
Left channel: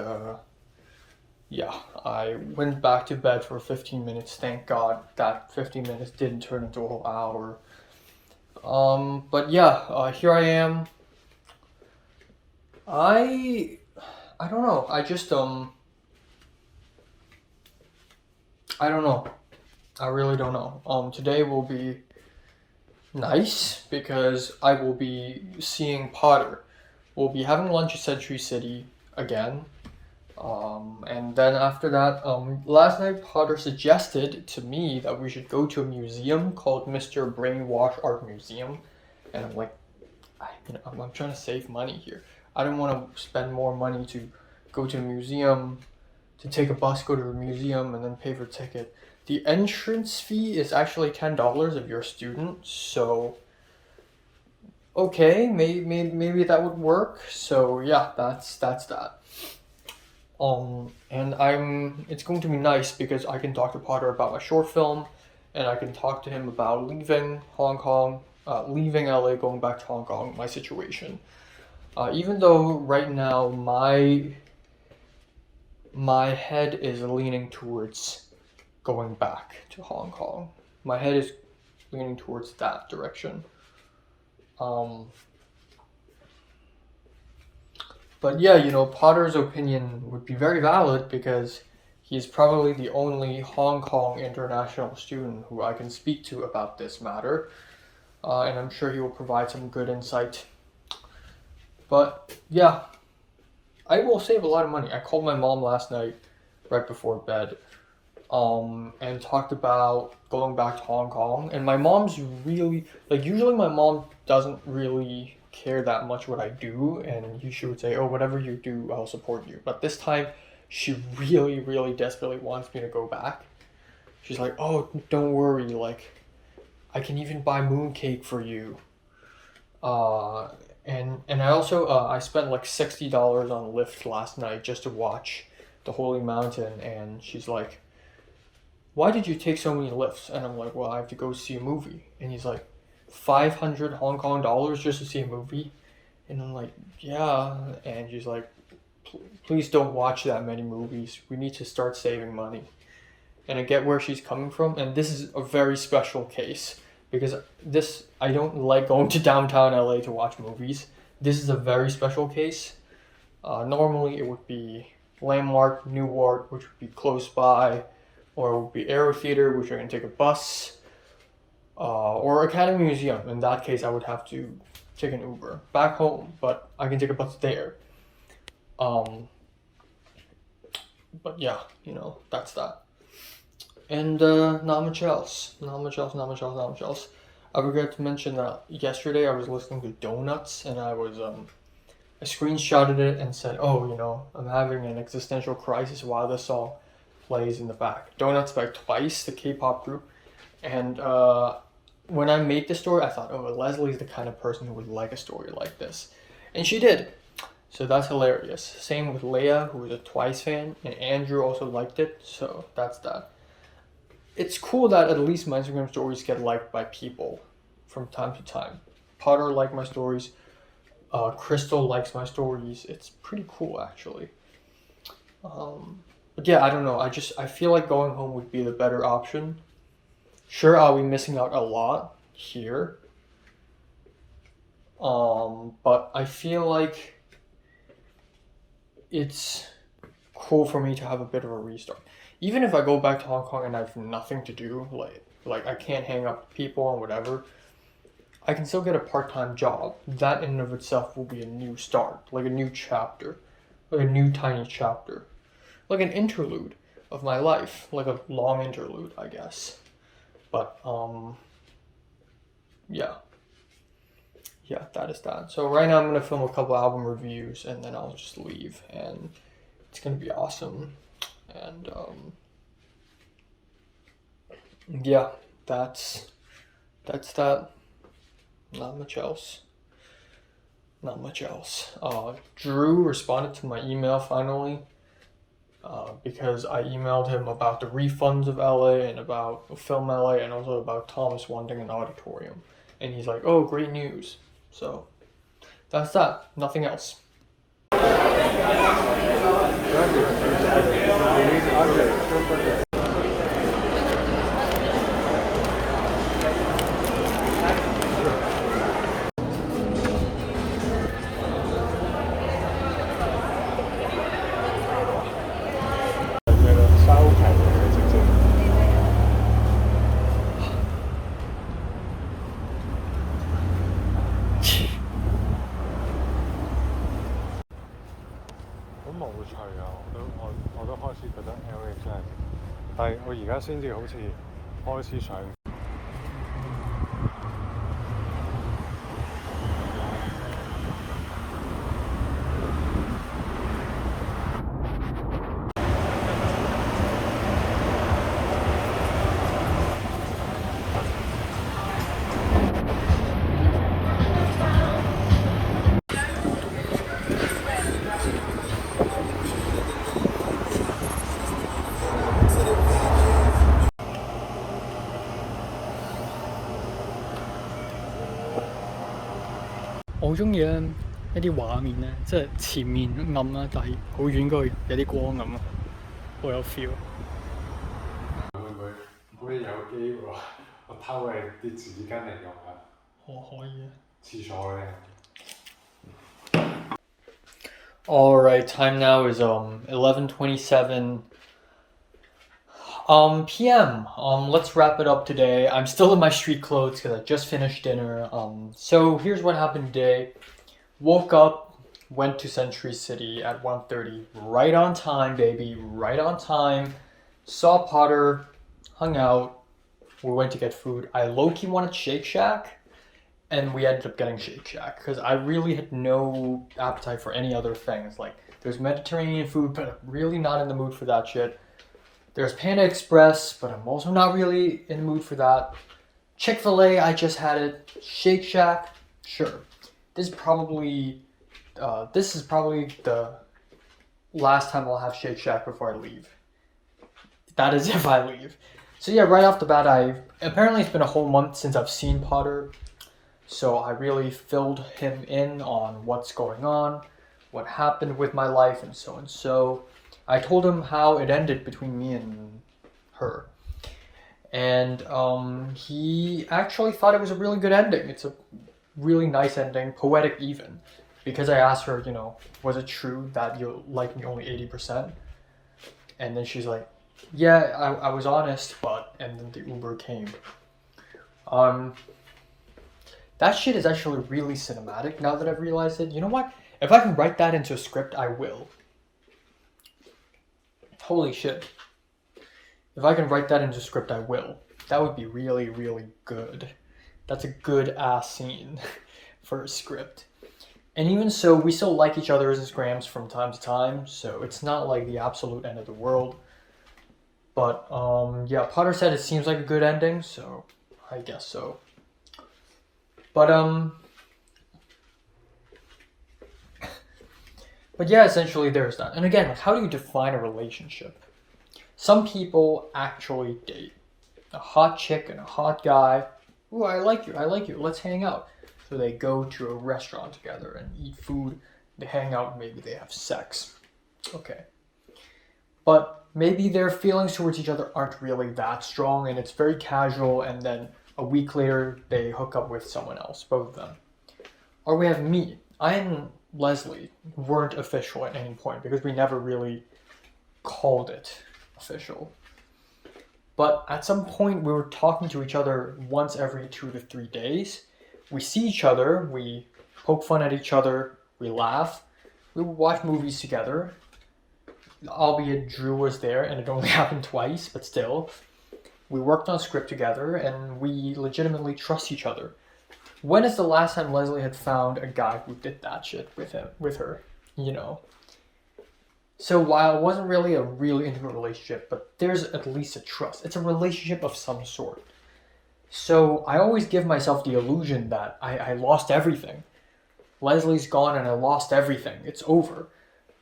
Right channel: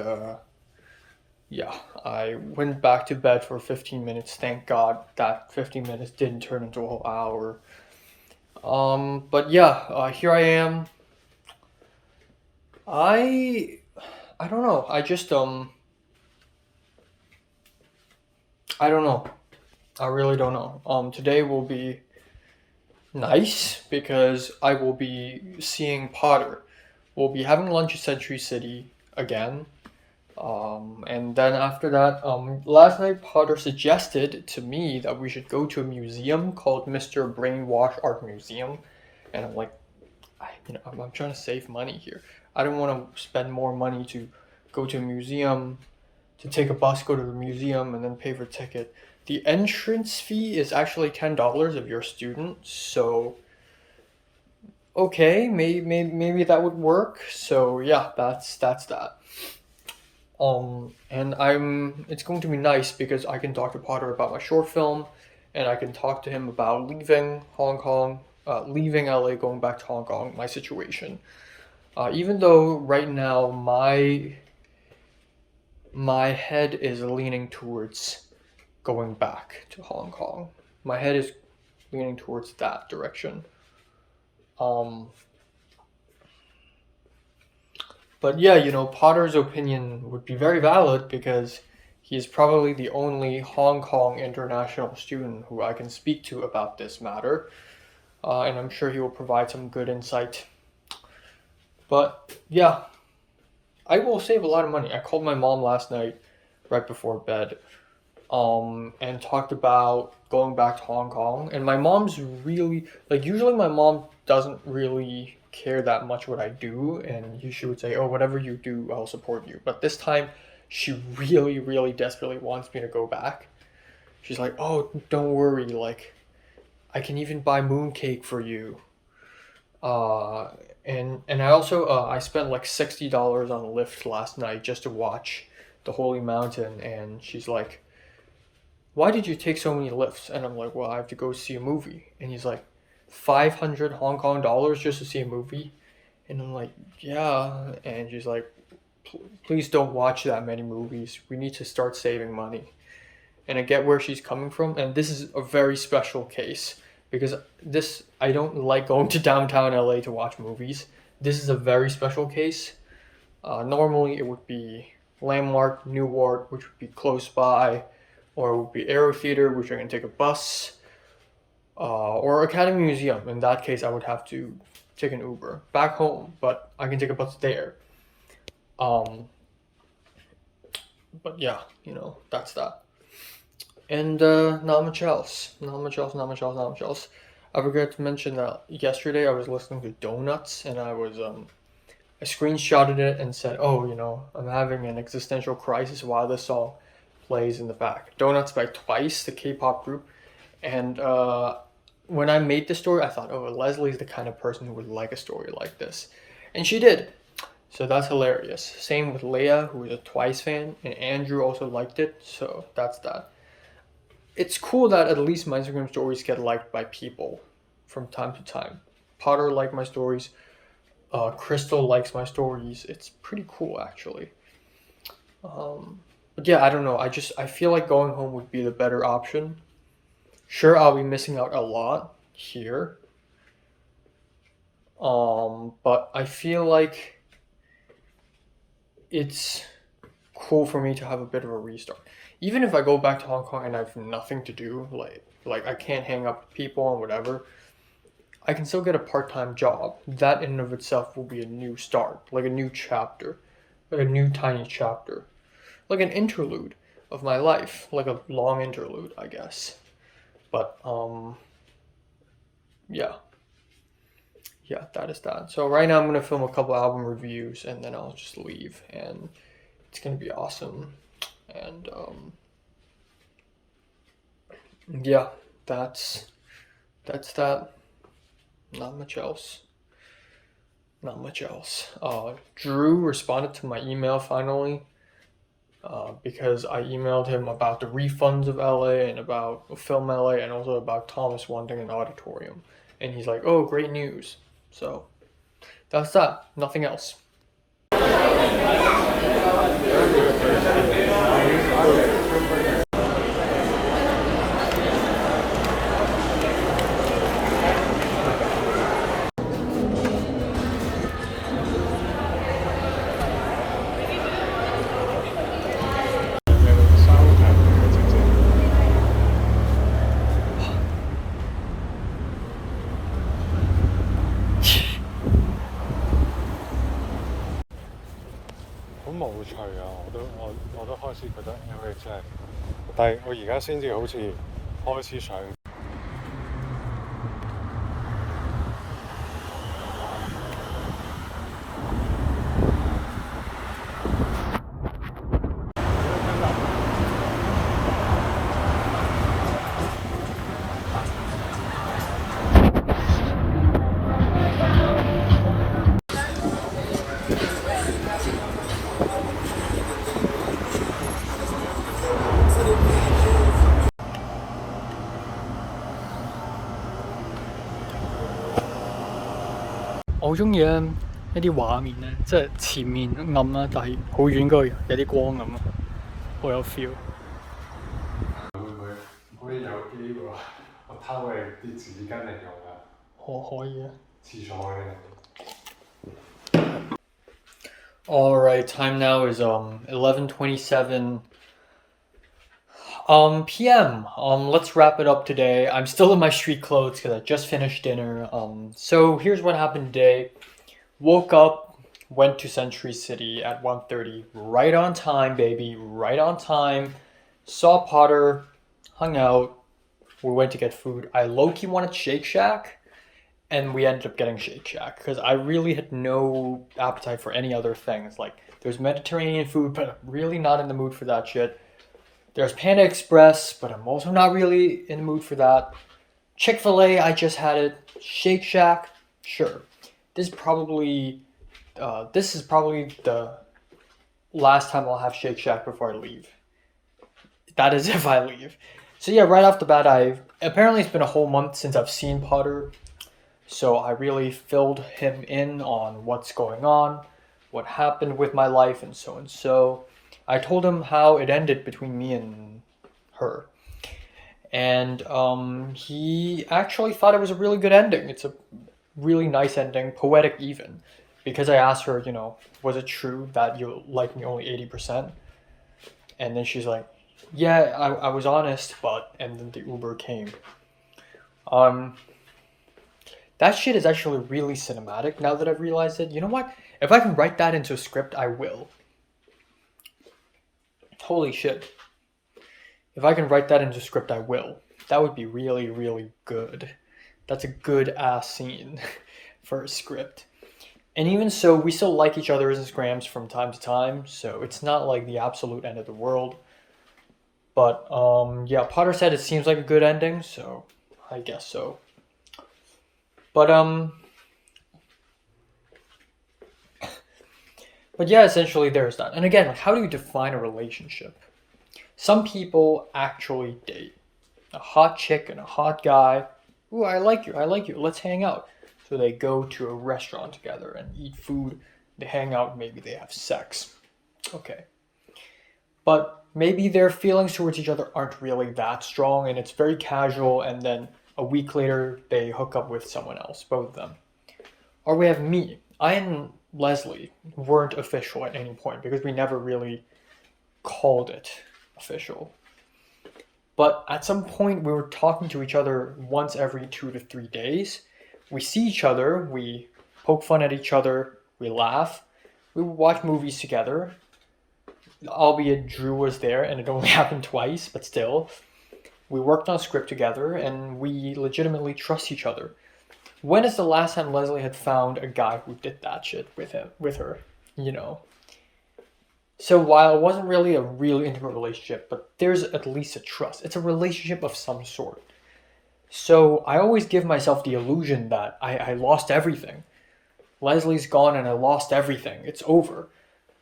yeah, I went back to bed for 15 minutes. Thank God that 15 minutes didn't turn into a whole hour. But yeah, here I am. I don't know. I don't know. I really don't know. Today will be nice because I will be seeing Potter. We'll be having lunch at Century City again. And then after that, last night Potter suggested to me that we should go to a museum called Mr. Brainwash Art Museum. And I'm like, I'm trying to save money here. I don't want to spend more money to go to a museum, to take a bus, go to a museum, and then pay for a ticket. The entrance fee is actually $10 if you're a student, so okay, maybe that would work. So yeah, that's that. And it's going to be nice because I can talk to Potter about my short film, and I can talk to him about leaving Hong Kong, leaving LA, going back to Hong Kong, my situation. Even though right now my head is leaning towards going back to Hong Kong. My head is leaning towards that direction. But yeah, Potter's opinion would be very valid because he is probably the only Hong Kong international student who I can speak to about this matter. And I'm sure he will provide some good insight. But yeah, I will save a lot of money. I called my mom last night right before bed and talked about going back to Hong Kong. And my mom's really, usually my mom doesn't really care that much what I do, and she would say, oh, whatever you do, I'll support you. But this time, she really, really desperately wants me to go back. She's like, oh, don't worry, I can even buy mooncake for you. And I also, I spent $60 on Lyft last night just to watch the Holy Mountain, and she's like, why did you take so many Lyfts? And I'm like, well, I have to go see a movie. And he's like, 500 Hong Kong dollars just to see a movie? And I'm like, yeah. And she's like, please don't watch that many movies. We need to start saving money. And I get where she's coming from. And this is a very special case because I don't like going to downtown LA to watch movies. This is a very special case. Normally it would be Landmark, Newark, which would be close by, or it would be Aero Theater, which I can take a bus, or Academy Museum. In that case, I would have to take an Uber back home, but I can take a bus there. But yeah, that's that. And not much else. I forgot to mention that yesterday I was listening to Donuts, and I screenshotted it and said, oh, I'm having an existential crisis while this song plays in the back. Donuts by Twice, the K-pop group. And when I made this story, I thought, Leslie's the kind of person who would like a story like this. And she did. So that's hilarious. Same with Leia, who is a Twice fan, and Andrew also liked it, so that's that. It's cool that at least my Instagram stories get liked by people from time to time. Potter liked my stories. Crystal likes my stories. It's pretty cool, actually. But yeah, I don't know. I feel like going home would be the better option. Sure, I'll be missing out a lot here. But I feel like it's cool for me to have a bit of a restart. Even if I go back to Hong Kong and I have nothing to do, like I can't hang up with people and whatever, I can still get a part-time job. That in and of itself will be a new start, like a new chapter, like a new tiny chapter, like an interlude of my life, like a long interlude, I guess. But yeah, yeah, that is that. So right now I'm gonna film a couple album reviews and then I'll just leave, and it's gonna be awesome. And yeah, that's that. Not much else. Not much else. Drew responded to my email finally. Because I emailed him about the refunds of LA and about Film LA and also about Thomas wanting an auditorium. And he's like, oh, great news. So that's that. Nothing else.但係我而家先至好似開始上。我好中意咧一啲畫面咧，即係前面暗啦，但係好遠嗰度有啲光咁啊，好有 feel。會有機會我偷你啲紙巾嚟用啊？可以啊。廁所咧。All right, time now is 11:27 p.m. Let's wrap it up today. I'm still in my street clothes because I just finished dinner. So here's what happened today. Woke up, went to Century City at 1:30, right on time, baby, right on time. Saw Potter, hung out. We went to get food. I low-key wanted Shake Shack, and we ended up getting Shake Shack because I really had no appetite for any other things. Like, there's Mediterranean food, but I'm really not in the mood for that shit. There's Panda Express, but I'm also not really in the mood for that. Chick-fil-A, I just had it. Shake Shack, sure. This is probably the last time I'll have Shake Shack before I leave. That is if I leave. So yeah, right off the bat, apparently it's been a whole month since I've seen Potter. So I really filled him in on what's going on, what happened with my life, and so and so. I told him how it ended between me and her. And he actually thought it was a really good ending. It's a really nice ending, poetic even. Because I asked her, was it true that you like me only 80%? And then she's like, yeah, I was honest, but... And then the Uber came. That shit is actually really cinematic now that I've realized it. You know what? If I can write that into a script, I will. Holy shit. If I can write that into a script, I will. That would be really, really good. That's a good ass scene for a script. And even so, we still like each other's Instagrams from time to time, so it's not like the absolute end of the world. But yeah, Potter said it seems like a good ending, so I guess so. But yeah, essentially there's that. And again, like, how do you define a relationship? Some people actually date. A hot chick and a hot guy. Ooh, I like you, let's hang out. So they go to a restaurant together and eat food. They hang out, maybe they have sex. Okay. But maybe their feelings towards each other aren't really that strong and it's very casual, and then a week later they hook up with someone else, both of them. Or we have me. I and Leslie weren't official at any point because we never really called it official. But at some point we were talking to each other once every 2 to 3 days. We see each other, we poke fun at each other, we laugh, we would watch movies together. Albeit Drew was there and it only happened twice, but still. We worked on a script together and we legitimately trust each other. When is the last time Leslie had found a guy who did that shit with her, you know? So while it wasn't really a really intimate relationship, but there's at least a trust. It's a relationship of some sort. So I always give myself the illusion that I lost everything. Leslie's gone and I lost everything. It's over.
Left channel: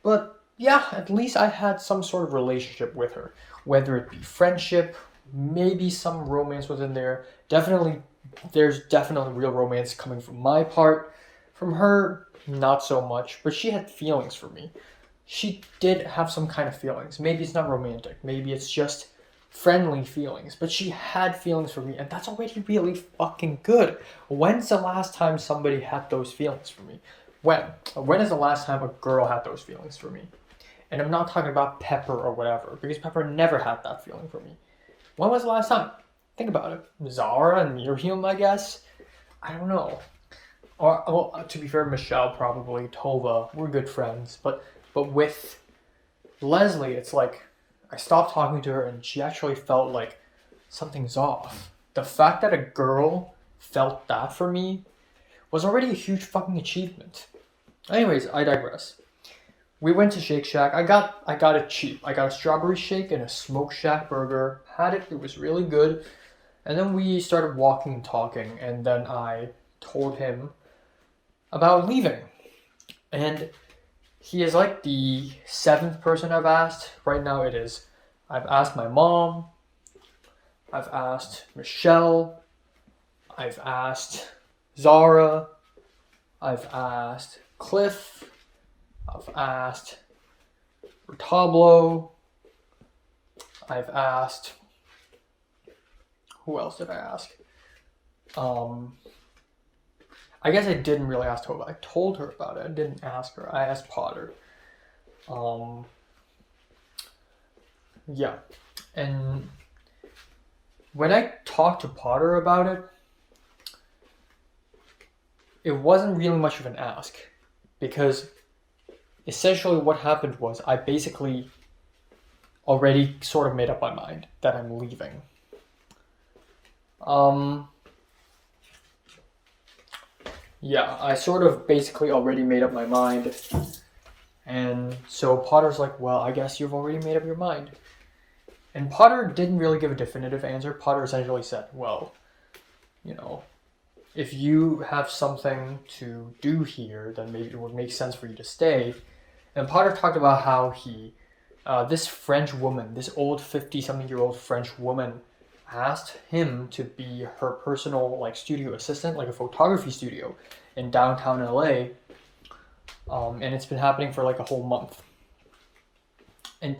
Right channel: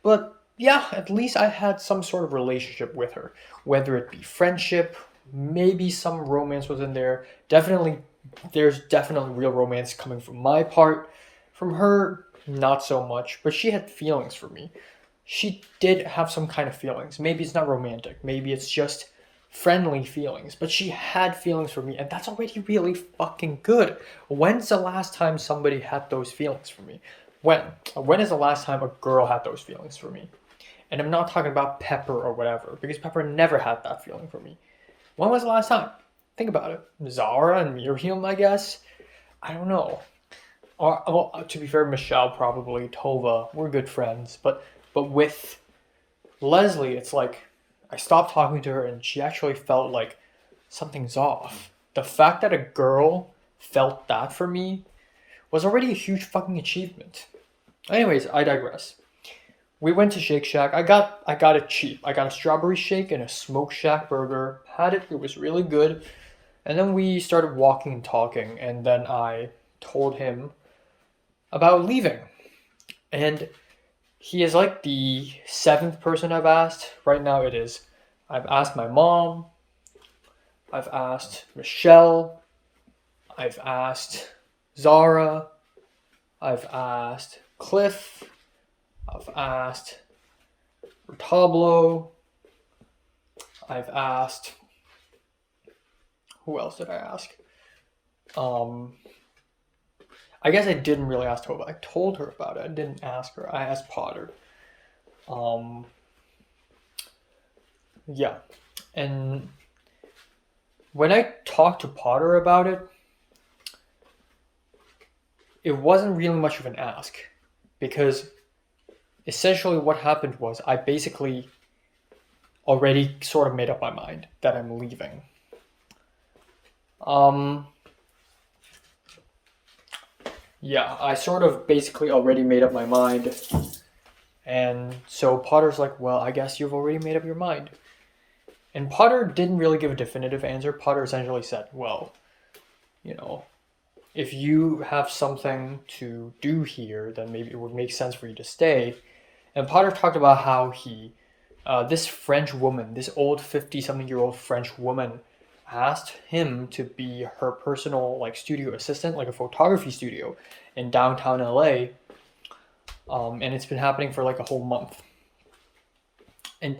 But yeah, at least I had some sort of relationship with her. Whether it be friendship, maybe some romance was in there. There's definitely real romance coming from my part. From her, not so much. But she had feelings for me. She did have some kind of feelings. Maybe it's not romantic. Maybe it's just friendly feelings. But she had feelings for me. And that's already really fucking good. When's the last time somebody had those feelings for me? When is the last time a girl had those feelings for me? And I'm not talking about Pepper or whatever. Because Pepper never had that feeling for me. When was the last time? Think about it. Zara and Miriam, I guess. I don't know. Or, well, to be fair, Michelle probably. Tova. We're good friends. But with Leslie, it's like I stopped talking to her and she actually felt like something's off. The fact that a girl felt that for me was already a huge fucking achievement. Anyways, I digress. We went to Shake Shack. I got it cheap. I got a strawberry shake and a Smoke Shack burger. Had it. It was really good. And then we started walking and talking. And then I told him about leaving. And he is like the 7th person I've asked. Right now it is. I've asked my mom. I've asked Michelle. I've asked Zara. I've asked Cliff. I've asked Retablo. I've asked... Who else did I ask? I guess I didn't really ask Tova. I told her about it. I didn't ask her. I asked Potter. Yeah. And when I talked to Potter about it, it wasn't really much of an ask. Because essentially what happened was I basically already sort of made up my mind that I'm leaving. Yeah, I sort of basically already made up my mind. And so Potter's like, well, I guess you've already made up your mind. And Potter didn't really give a definitive answer. Potter essentially said, well, you know, if you have something to do here, then maybe it would make sense for you to stay. And Potter talked about how this French woman, this old 50-something-year-old French woman, asked him to be her personal studio assistant, like a photography studio in downtown LA. And it's been happening for a whole month. And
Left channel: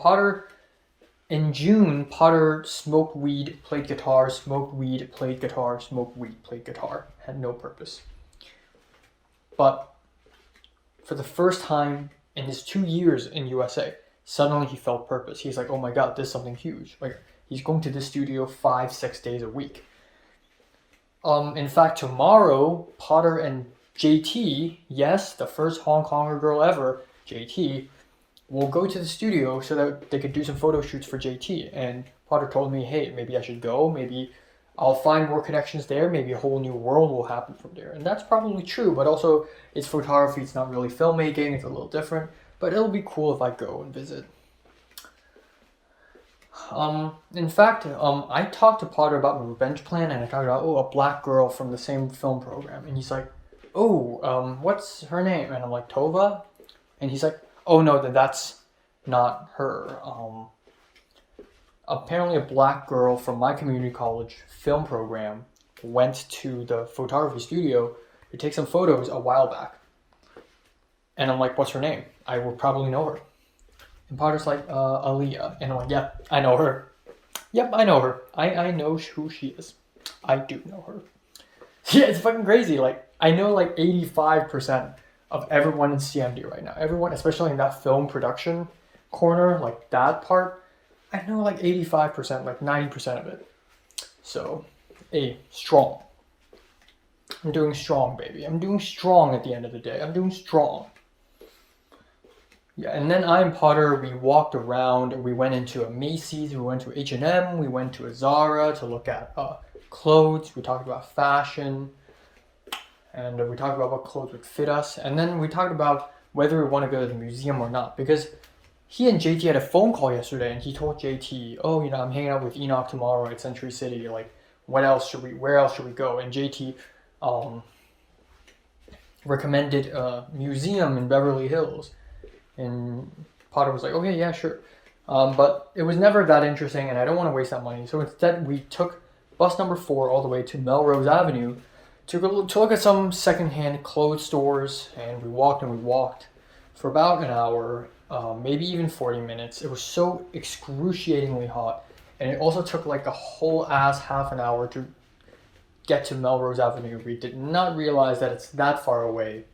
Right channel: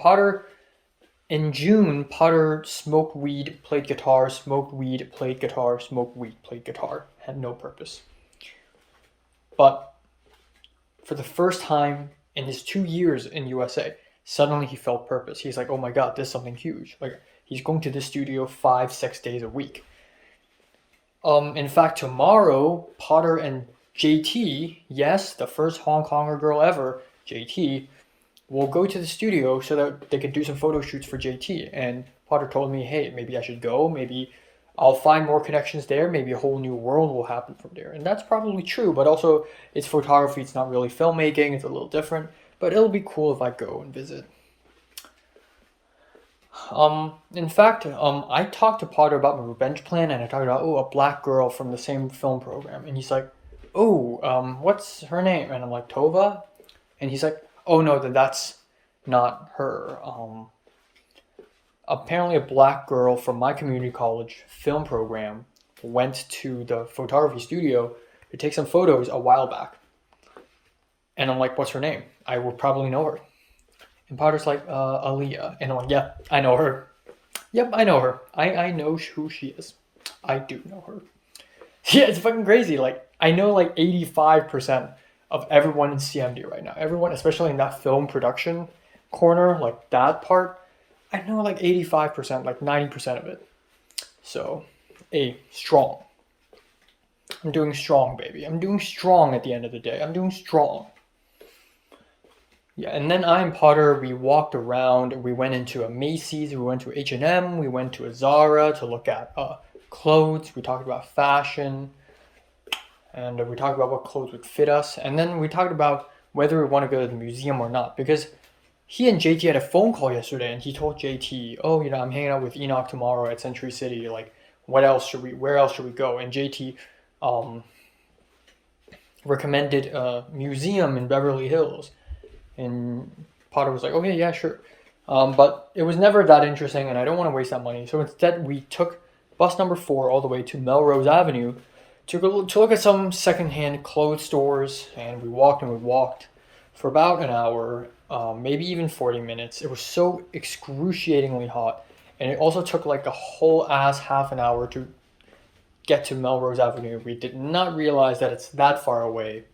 in June, Potter smoked weed, played guitar, smoked weed, played guitar, smoked weed, played guitar. Had no purpose. But for the first time in his 2 years in USA, suddenly he felt purpose. He's like, oh my God, this is something huge. He's going to this studio 5-6 days a week. In fact, tomorrow, Potter and JT, yes, the first Hong Konger girl ever, JT, will go to the studio so that they could do some photo shoots for JT. And Potter told me, hey, maybe I should go. Maybe I'll find more connections there. Maybe a whole new world will happen from there. And that's probably true, but also it's photography. It's not really filmmaking. It's a little different. But it'll be cool if I go and visit. In fact, I talked to Potter about my revenge plan, and I talked about, a black girl from the same film program. And he's like, what's her name? And I'm like, Tova? And he's like, oh no, then that's not her. Apparently a black girl from my community college film program went to the photography studio to take some photos a while back. And I'm like, what's her name? I would probably know her. And Potter's like, Aaliyah. And I'm like, yeah, I know her. Yep, I know her. I know who she is. I do know her. Yeah, it's fucking crazy. I know 85% of everyone in CMD right now. Everyone, especially in that film production corner, that part, I know 85%, 90% of it. So, strong. I'm doing strong, baby. I'm doing strong at the end of the day. I'm doing strong. Yeah, and then I and Potter, we walked around. We went into a Macy's. We went to H&M. We went to a Zara to look at clothes. We talked about fashion. and we talked about what clothes would fit us, and then we talked about whether we want to go to the museum or not, because he and JT had a phone call yesterday, and he told JT, "Oh, I'm hanging out with Enoch tomorrow at Century City. Like, where else should we go?" And JT recommended a museum in Beverly Hills, and Potter was like, "Okay, yeah, sure." But it was never that interesting, and I don't want to waste that money. So instead, we took bus number 4 all the way to Melrose Avenue to look at some secondhand clothes stores, and we walked for about an hour, maybe even 40 minutes. It was so excruciatingly hot, and it also took like a whole ass half an hour to get to Melrose Avenue. We did not realize that it's that far away.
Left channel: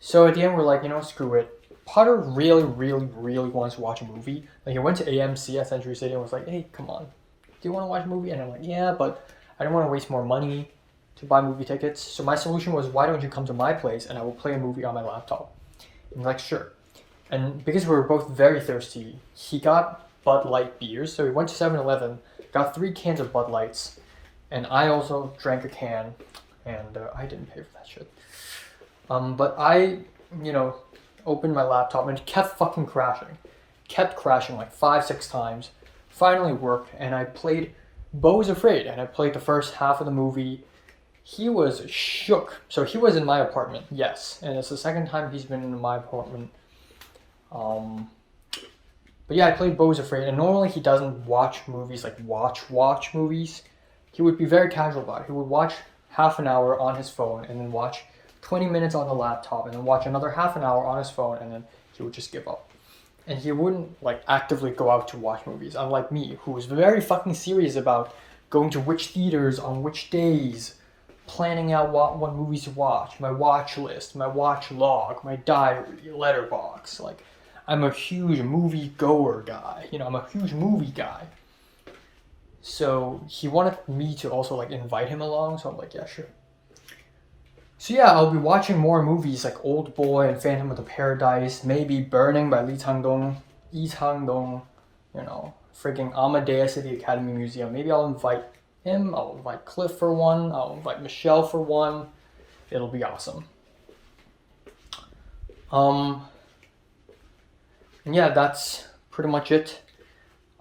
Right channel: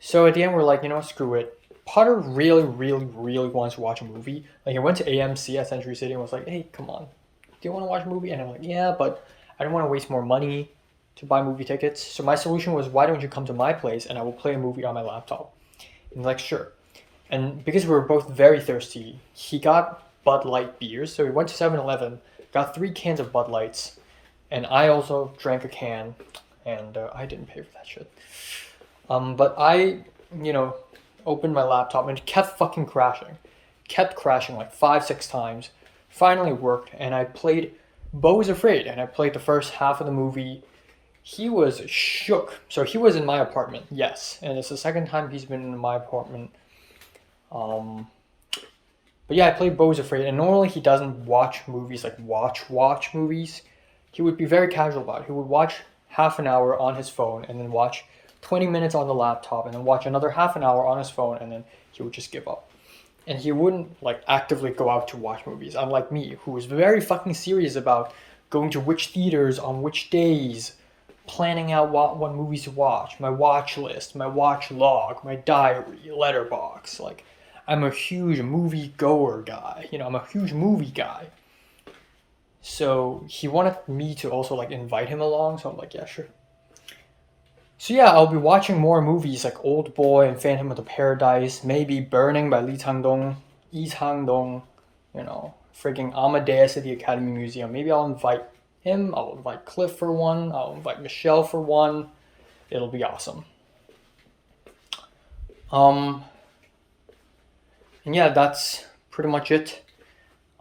So at the end, we're like, screw it. Potter really, really, really wants to watch a movie. Like, he went to AMC at Century City and was like, "Hey, come on, do you want to watch a movie?" And I'm like, "Yeah, but I don't want to waste more money to buy movie tickets." So my solution was, "Why don't you come to my place and I will play a movie on my laptop?" And he's like, "Sure." And because we were both very thirsty, he got Bud Light beers. So we went to 7-Eleven, got 3 cans of Bud Lights, and I also drank a can, and I didn't pay for that shit. But I, opened my laptop and it kept fucking crashing. Kept crashing like 5-6 times. Finally worked, and I played Beau is Afraid, and I played the first half of the movie. He was shook. So he was in my apartment, yes, and it's the second time he's been in my apartment. But yeah, I played Beau is Afraid, and normally he doesn't watch movies, like watch movies. He would be very casual about it. He would watch half an hour on his phone, and then watch 20 minutes on the laptop, and then watch another half an hour on his phone, and then he would just give up. And he wouldn't like actively go out to watch movies, unlike me, who was very fucking serious about going to which theaters on which days, planning out what movies to watch, my watch list, my watch log, my diary, letterbox. Like, I'm a huge movie goer guy. I'm a huge movie guy. So he wanted me to also like invite him along, so I'm like, yeah, sure. So yeah, I'll be watching more movies like Old Boy and Phantom of the Paradise, maybe Burning by Lee Chang-dong, freaking Amadeus at the Academy Museum. Maybe I'll invite him, I'll invite Cliff for one, I'll invite Michelle for one. It'll be awesome. And yeah, that's pretty much it.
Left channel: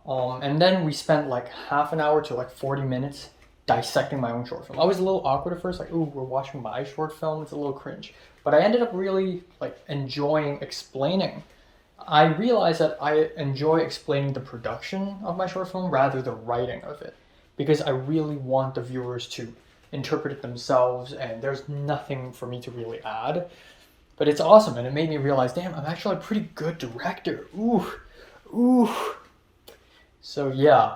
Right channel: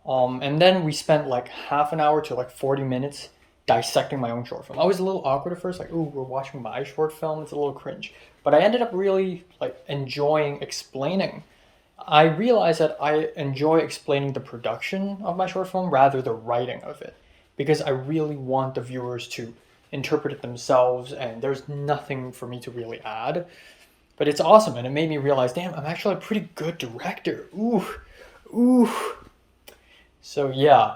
And then we spent like half an hour to like 40 minutes dissecting my own short film. I was a little awkward at first, like, "Ooh, we're watching my short film." It's a little cringe. But I ended up really like enjoying explaining. I realized that I enjoy explaining the production of my short film rather the writing of it, because I really want the viewers to interpret it themselves, and there's nothing for me to really add. But it's awesome, and it made me realize, damn, I'm actually a pretty good director. Ooh. So yeah,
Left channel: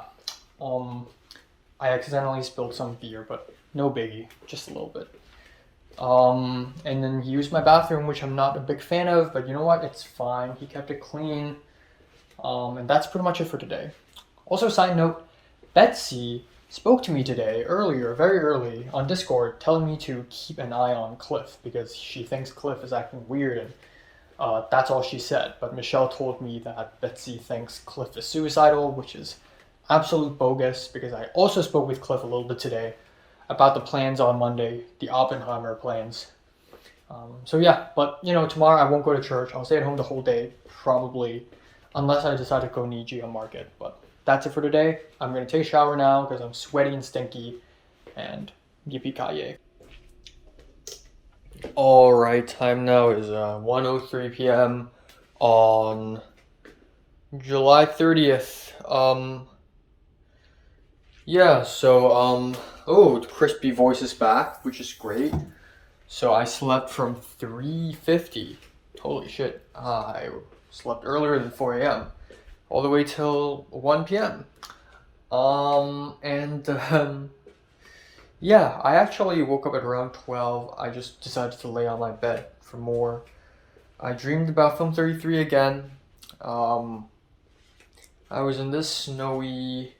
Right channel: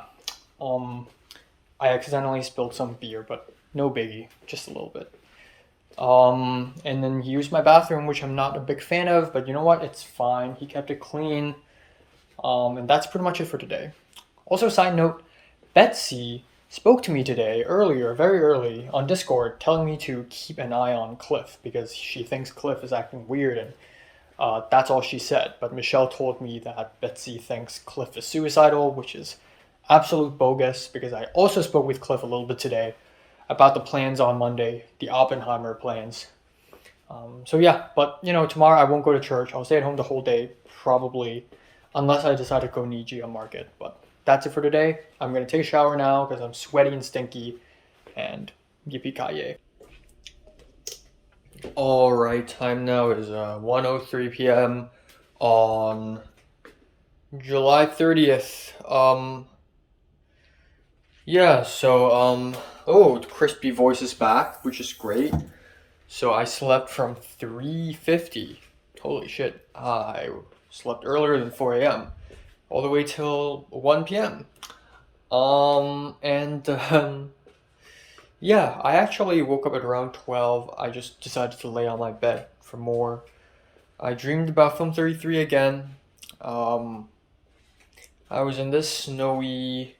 I accidentally spilled some beer, but no biggie, just a little bit. And then he used my bathroom, which I'm not a big fan of, but you know what? It's fine. He kept it clean. And that's pretty much it for today. Also, side note, Betsy spoke to me today, very early, on Discord, telling me to keep an eye on Cliff, because she thinks Cliff is acting weird, and that's all she said. But Michelle told me that Betsy thinks Cliff is suicidal, which is absolute bogus, because I also spoke with Cliff a little bit today about the plans on Monday, the Oppenheimer plans. So yeah, but tomorrow I won't go to church. I'll stay at home the whole day, probably, unless I decide to go Nijia Market. But that's it for today. I'm going to take a shower now because I'm sweaty and stinky, and yippee-ki-yay. Alright, time now is 1:03 p.m. on July 30th. Yeah, so, Crispy Voice is back, which is great. So I slept from 3:50. Holy shit, I slept earlier than 4 a.m. all the way till 1 p.m. Yeah, I actually woke up at around 12. I just decided to lay on my bed for more. I dreamed about Film 33 again. I was in this snowy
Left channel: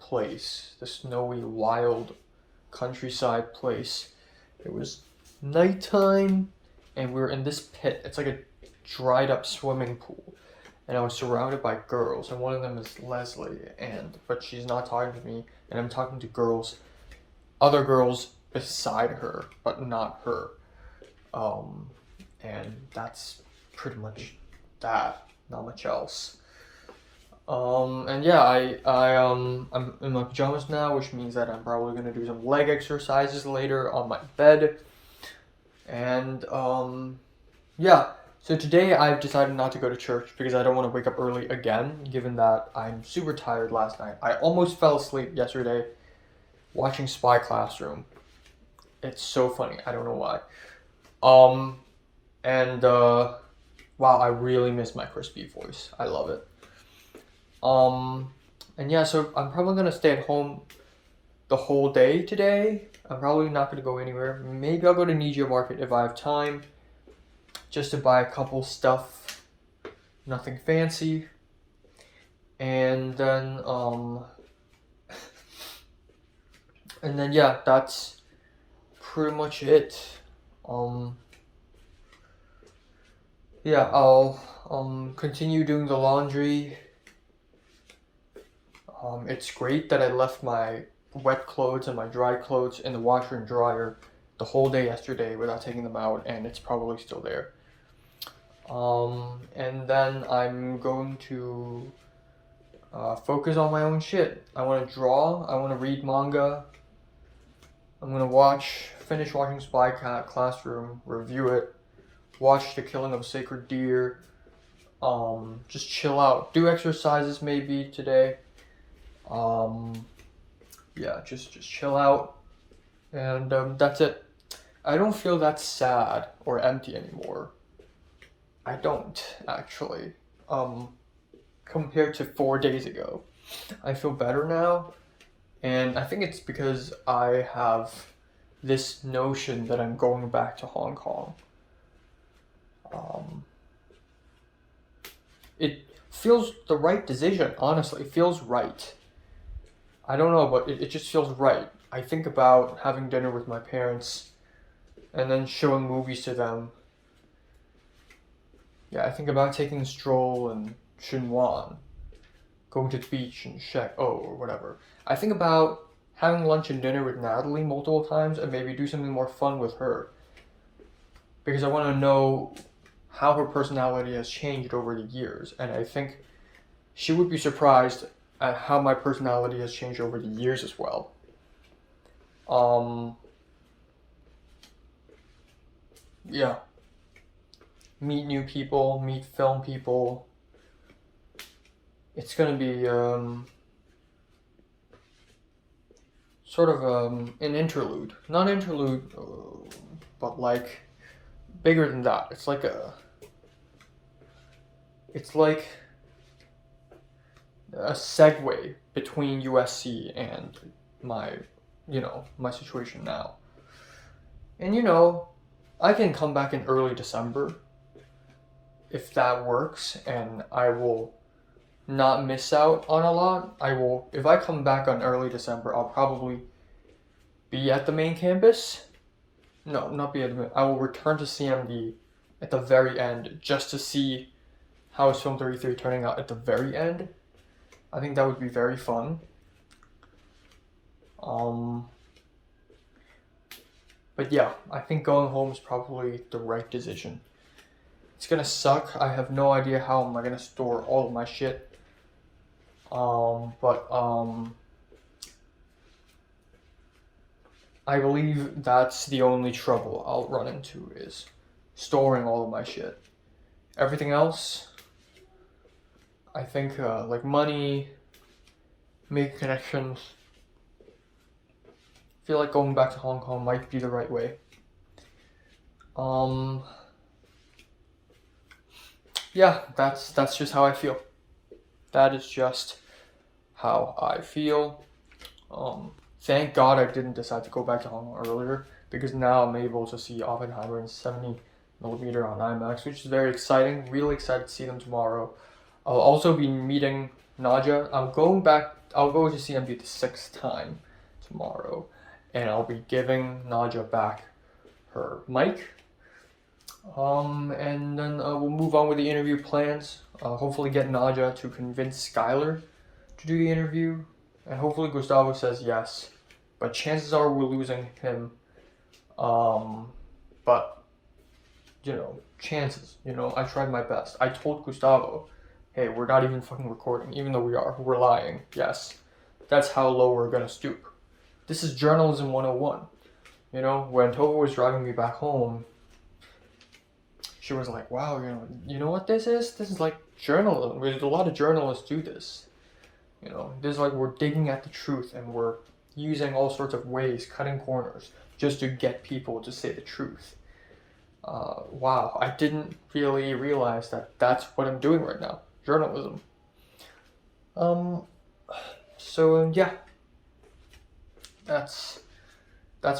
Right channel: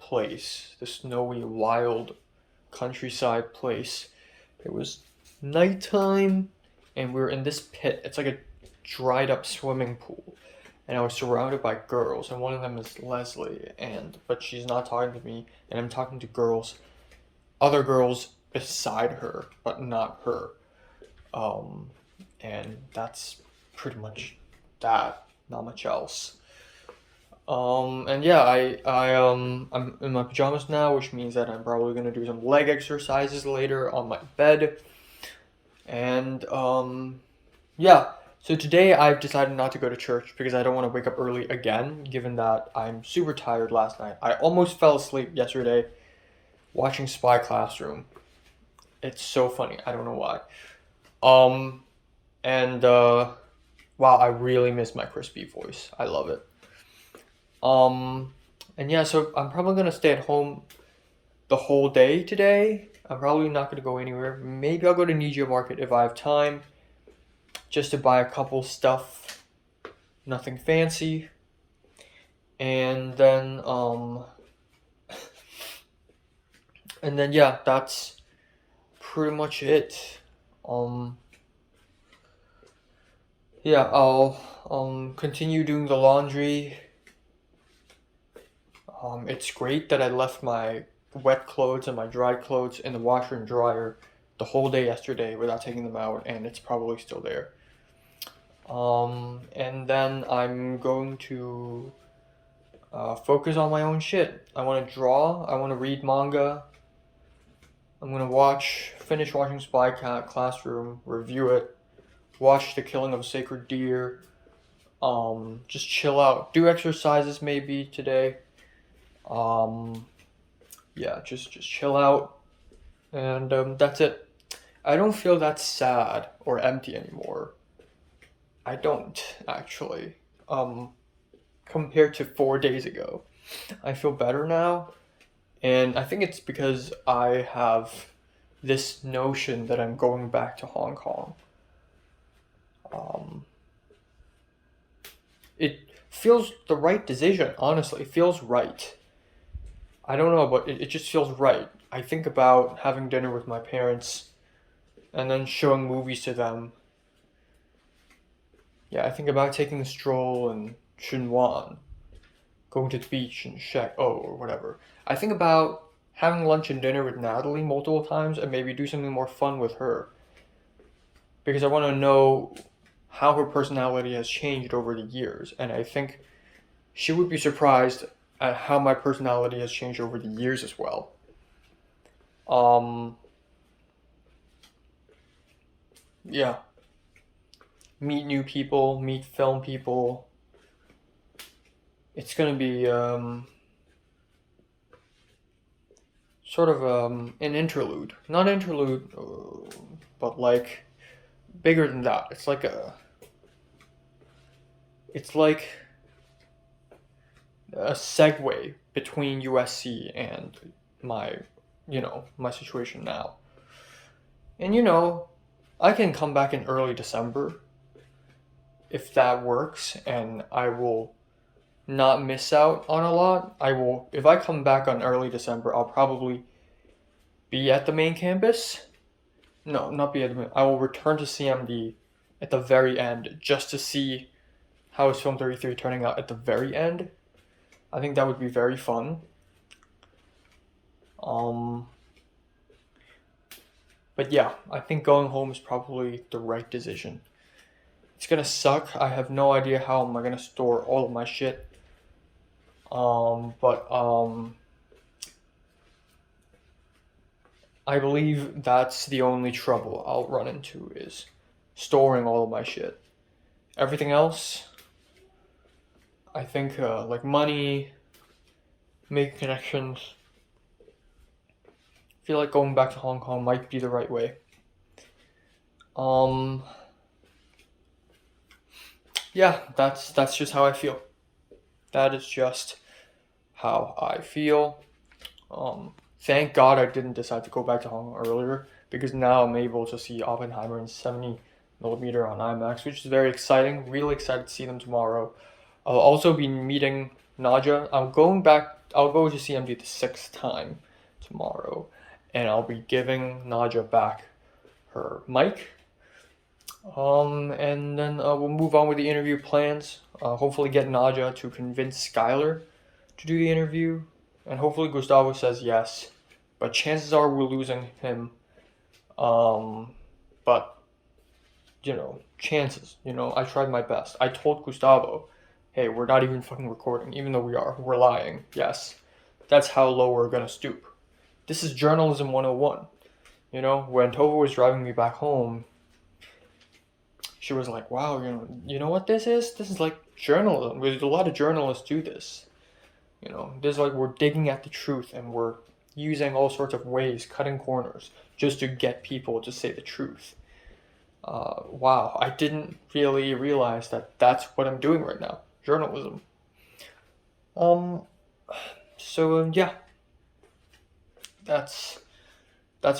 place, the snowy, wild countryside place. It was nighttime, and we were in this pit. It's like a dried up swimming pool, and I was surrounded by girls, and one of them is Leslie, but she's not talking to me, and I'm talking to other girls beside her, but not her. And that's pretty much that. Not much else. And yeah, I'm in my pajamas now, which means that I'm probably gonna do some leg exercises later on my bed. And yeah. So today I've decided not to go to church because I don't want to wake up early again, given that I'm super tired last night. I almost fell asleep yesterday watching Spy Classroom. It's so funny. I don't know why. And wow, I really miss my crispy voice. I love it. And yeah, so I'm probably gonna stay at home the whole day today. I'm probably not gonna go anywhere. Maybe I'll go to Nijia Market if I have time, just to buy a couple stuff. Nothing fancy. And then yeah, that's pretty much it. Yeah, I'll continue doing the laundry. It's great that I left my wet clothes and my dry clothes in the washer and dryer the whole day yesterday without taking them out, and it's probably still there. And then I'm going to focus on my own shit. I want to draw. I want to read manga. I'm gonna finish watching Spy Classroom, review it, watch The Killing of a Sacred Deer. Just chill out. Do exercises maybe today. Yeah, just chill out, and that's it. I don't feel that sad or empty anymore. I don't actually. Compared to 4 days ago, I feel better now, and I think it's because I have this notion that I'm going back to Hong Kong. It feels the right decision, honestly. It feels right. I don't know, but it just feels right. I think about having dinner with my parents and then showing movies to them. Yeah, I think about taking a stroll in Xinhuan, going to the beach in or whatever. I think about having lunch and dinner with Natalie multiple times and maybe do something more fun with her. Because I want to know how her personality has changed over the years, and I think she would be surprised at how my personality has changed over the years as well. Yeah. Meet new people, meet film people. It's gonna be sort of an interlude. Not interlude, but like bigger than that. It's like a segue between USC and my situation now. And I can come back in early December if that works, and I will not miss out on a lot. If I come back on early December, I'll probably be at the main campus. No, not be at the main. I will return to CMD at the very end just to see how is Film 33 turning out at the very end. I think that would be very fun. But yeah, I think going home is probably the right decision. It's gonna suck. I have no idea how am I gonna store all of my shit. But I believe that's the only trouble I'll run into is storing all of my shit. Everything else, I think like money, making connections. I feel like going back to Hong Kong might be the right way. Yeah, that's just how I feel. That is just how I feel. Thank God I didn't decide to go back to Hong Kong earlier, because now I'm able to see Oppenheimer in 70mm on IMAX, which is very exciting. Really excited to see them tomorrow. I'll also be meeting Naja. I'll go to CMD the 6th time tomorrow, and I'll be giving Naja back her mic. And then we'll move on with the interview plans. Hopefully get Naja to convince Skylar to do the interview, and hopefully Gustavo says yes. But chances are we're losing him But chances. I tried my best. I told Gustavo, hey, we're not even fucking recording, even though we are. We're lying. Yes, that's how low we're gonna stoop. This is journalism 101. When Tova was driving me back home, she was like, wow, you know what this is? This is like journalism. There's a lot of journalists do this. This is like we're digging at the truth and we're using all sorts of ways, cutting corners, just to get people to say the truth. Wow, I didn't really realize that that's what I'm doing right now. Journalism. So yeah. That's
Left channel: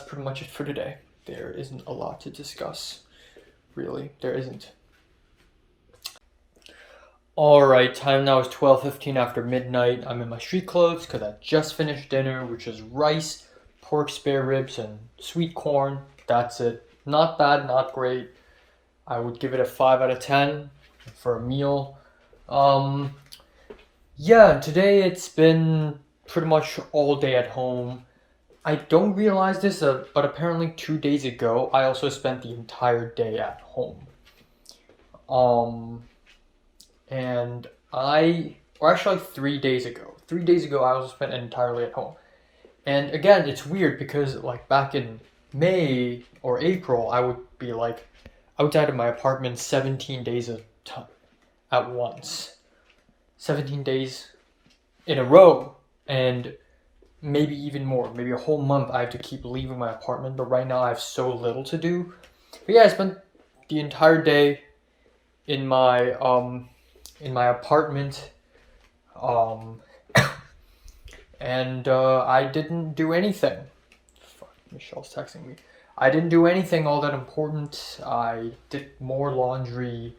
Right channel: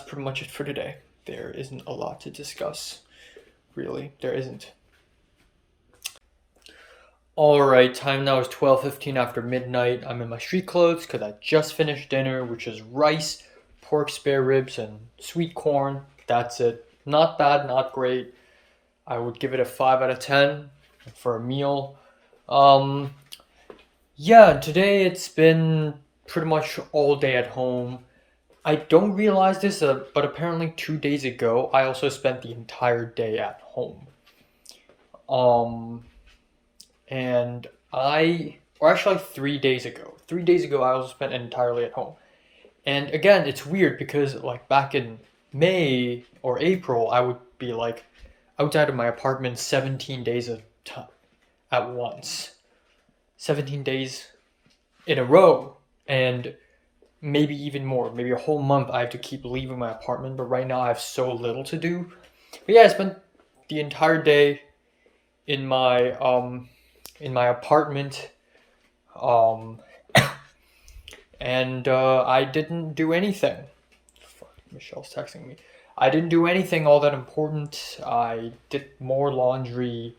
pretty much it for today. There isn't a lot to discuss. Really, there isn't. Alright, time now is 12:15 after midnight. I'm in my street clothes because I just finished dinner, which is rice, pork spare ribs, and sweet corn. That's it. Not bad, not great. I would give it a 5 out of 10 for a meal. Yeah, today it's been pretty much all day at home. I don't realize this, but apparently 2 days ago, I also spent the entire day at home. And or actually 3 days ago. 3 days ago, I also spent entirely at home. And again, it's weird because like back in May or April, I would be like outside of my apartment 17 days at once. 17 days in a row. And maybe even more, maybe a whole month I have to keep leaving my apartment, but right now I have so little to do. But yeah, I spent the entire day in my apartment, and I didn't do anything. Fuck, Michelle's texting me. I didn't do anything all that important. I did more laundry.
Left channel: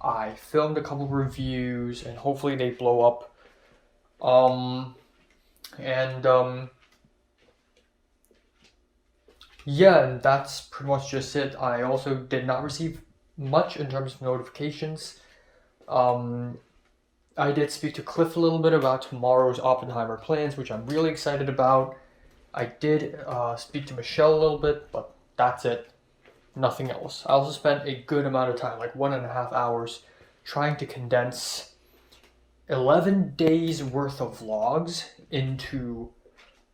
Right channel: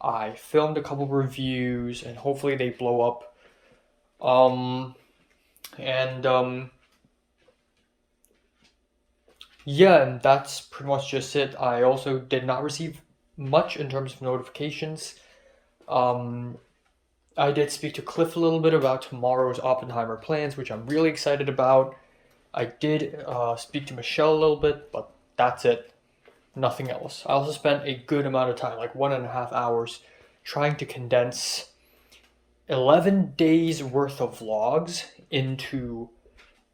I filmed a couple reviews, and hopefully they blow up. Yeah, and that's pretty much just it. I also did not receive much in terms of notifications. I did speak to Cliff a little bit about tomorrow's Oppenheimer plans, which I'm really excited about. I did speak to Michelle a little bit, but that's it. Nothing else. I also spent a good amount of time, like 1.5 hours, trying to condense 11 days worth of vlogs into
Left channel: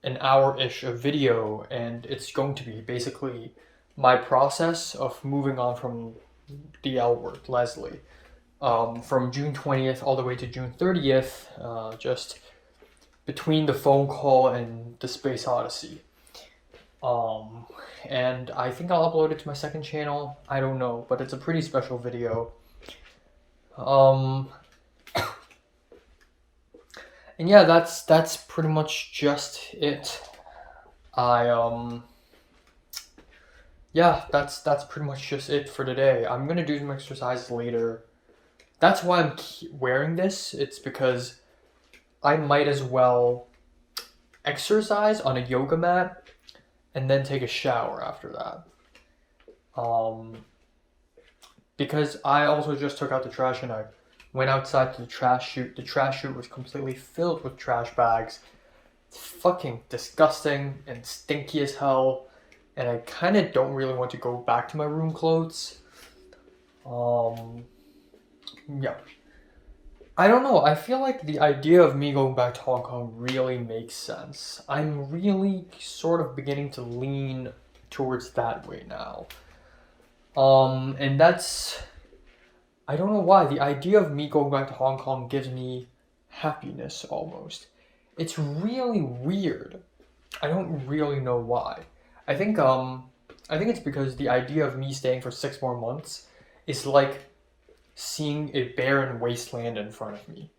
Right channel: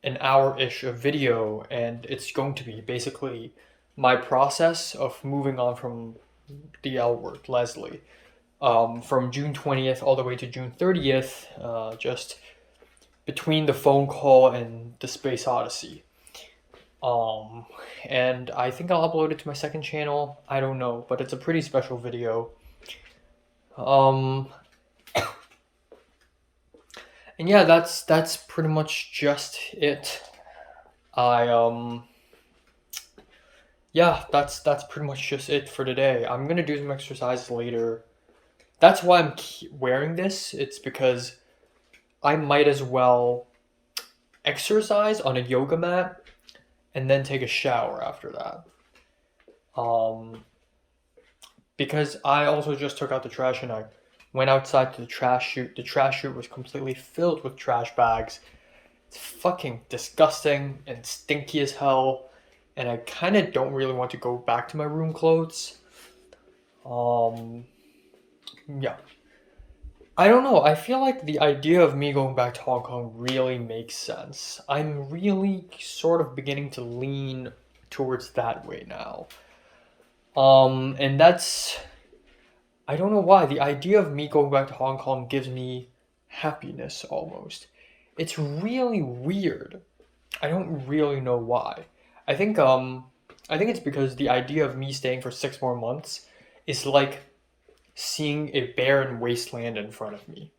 an hour-ish of video, and it's going to be basically my process of moving on from the L word, Leslie, from June 20th all the way to June 30th, just between the phone call and the Space Odyssey. And I think I'll upload it to my second channel. I don't know, but it's a pretty special video. And yeah, that's pretty much just it. Yeah, that's pretty much just it for today. I'm gonna do some exercises later. That's why I'm wearing this. It's because I might as well exercise on a yoga mat and then take a shower after that. Because I also just took out the trash and I went outside to the trash chute. The trash chute was completely filled with trash bags. It's fucking disgusting and stinky as hell. And I kind of don't really want to go back to my room clothes. Yeah. I don't know. I feel like the idea of me going back to Hong Kong really makes sense. I'm really sort of beginning to lean towards that way now. And that's... I don't know why. The idea of me going back to Hong Kong gives me happiness almost. It's really weird. I don't really know why. I think it's because the idea of me staying for 6 more months is like seeing a barren wasteland in front of me.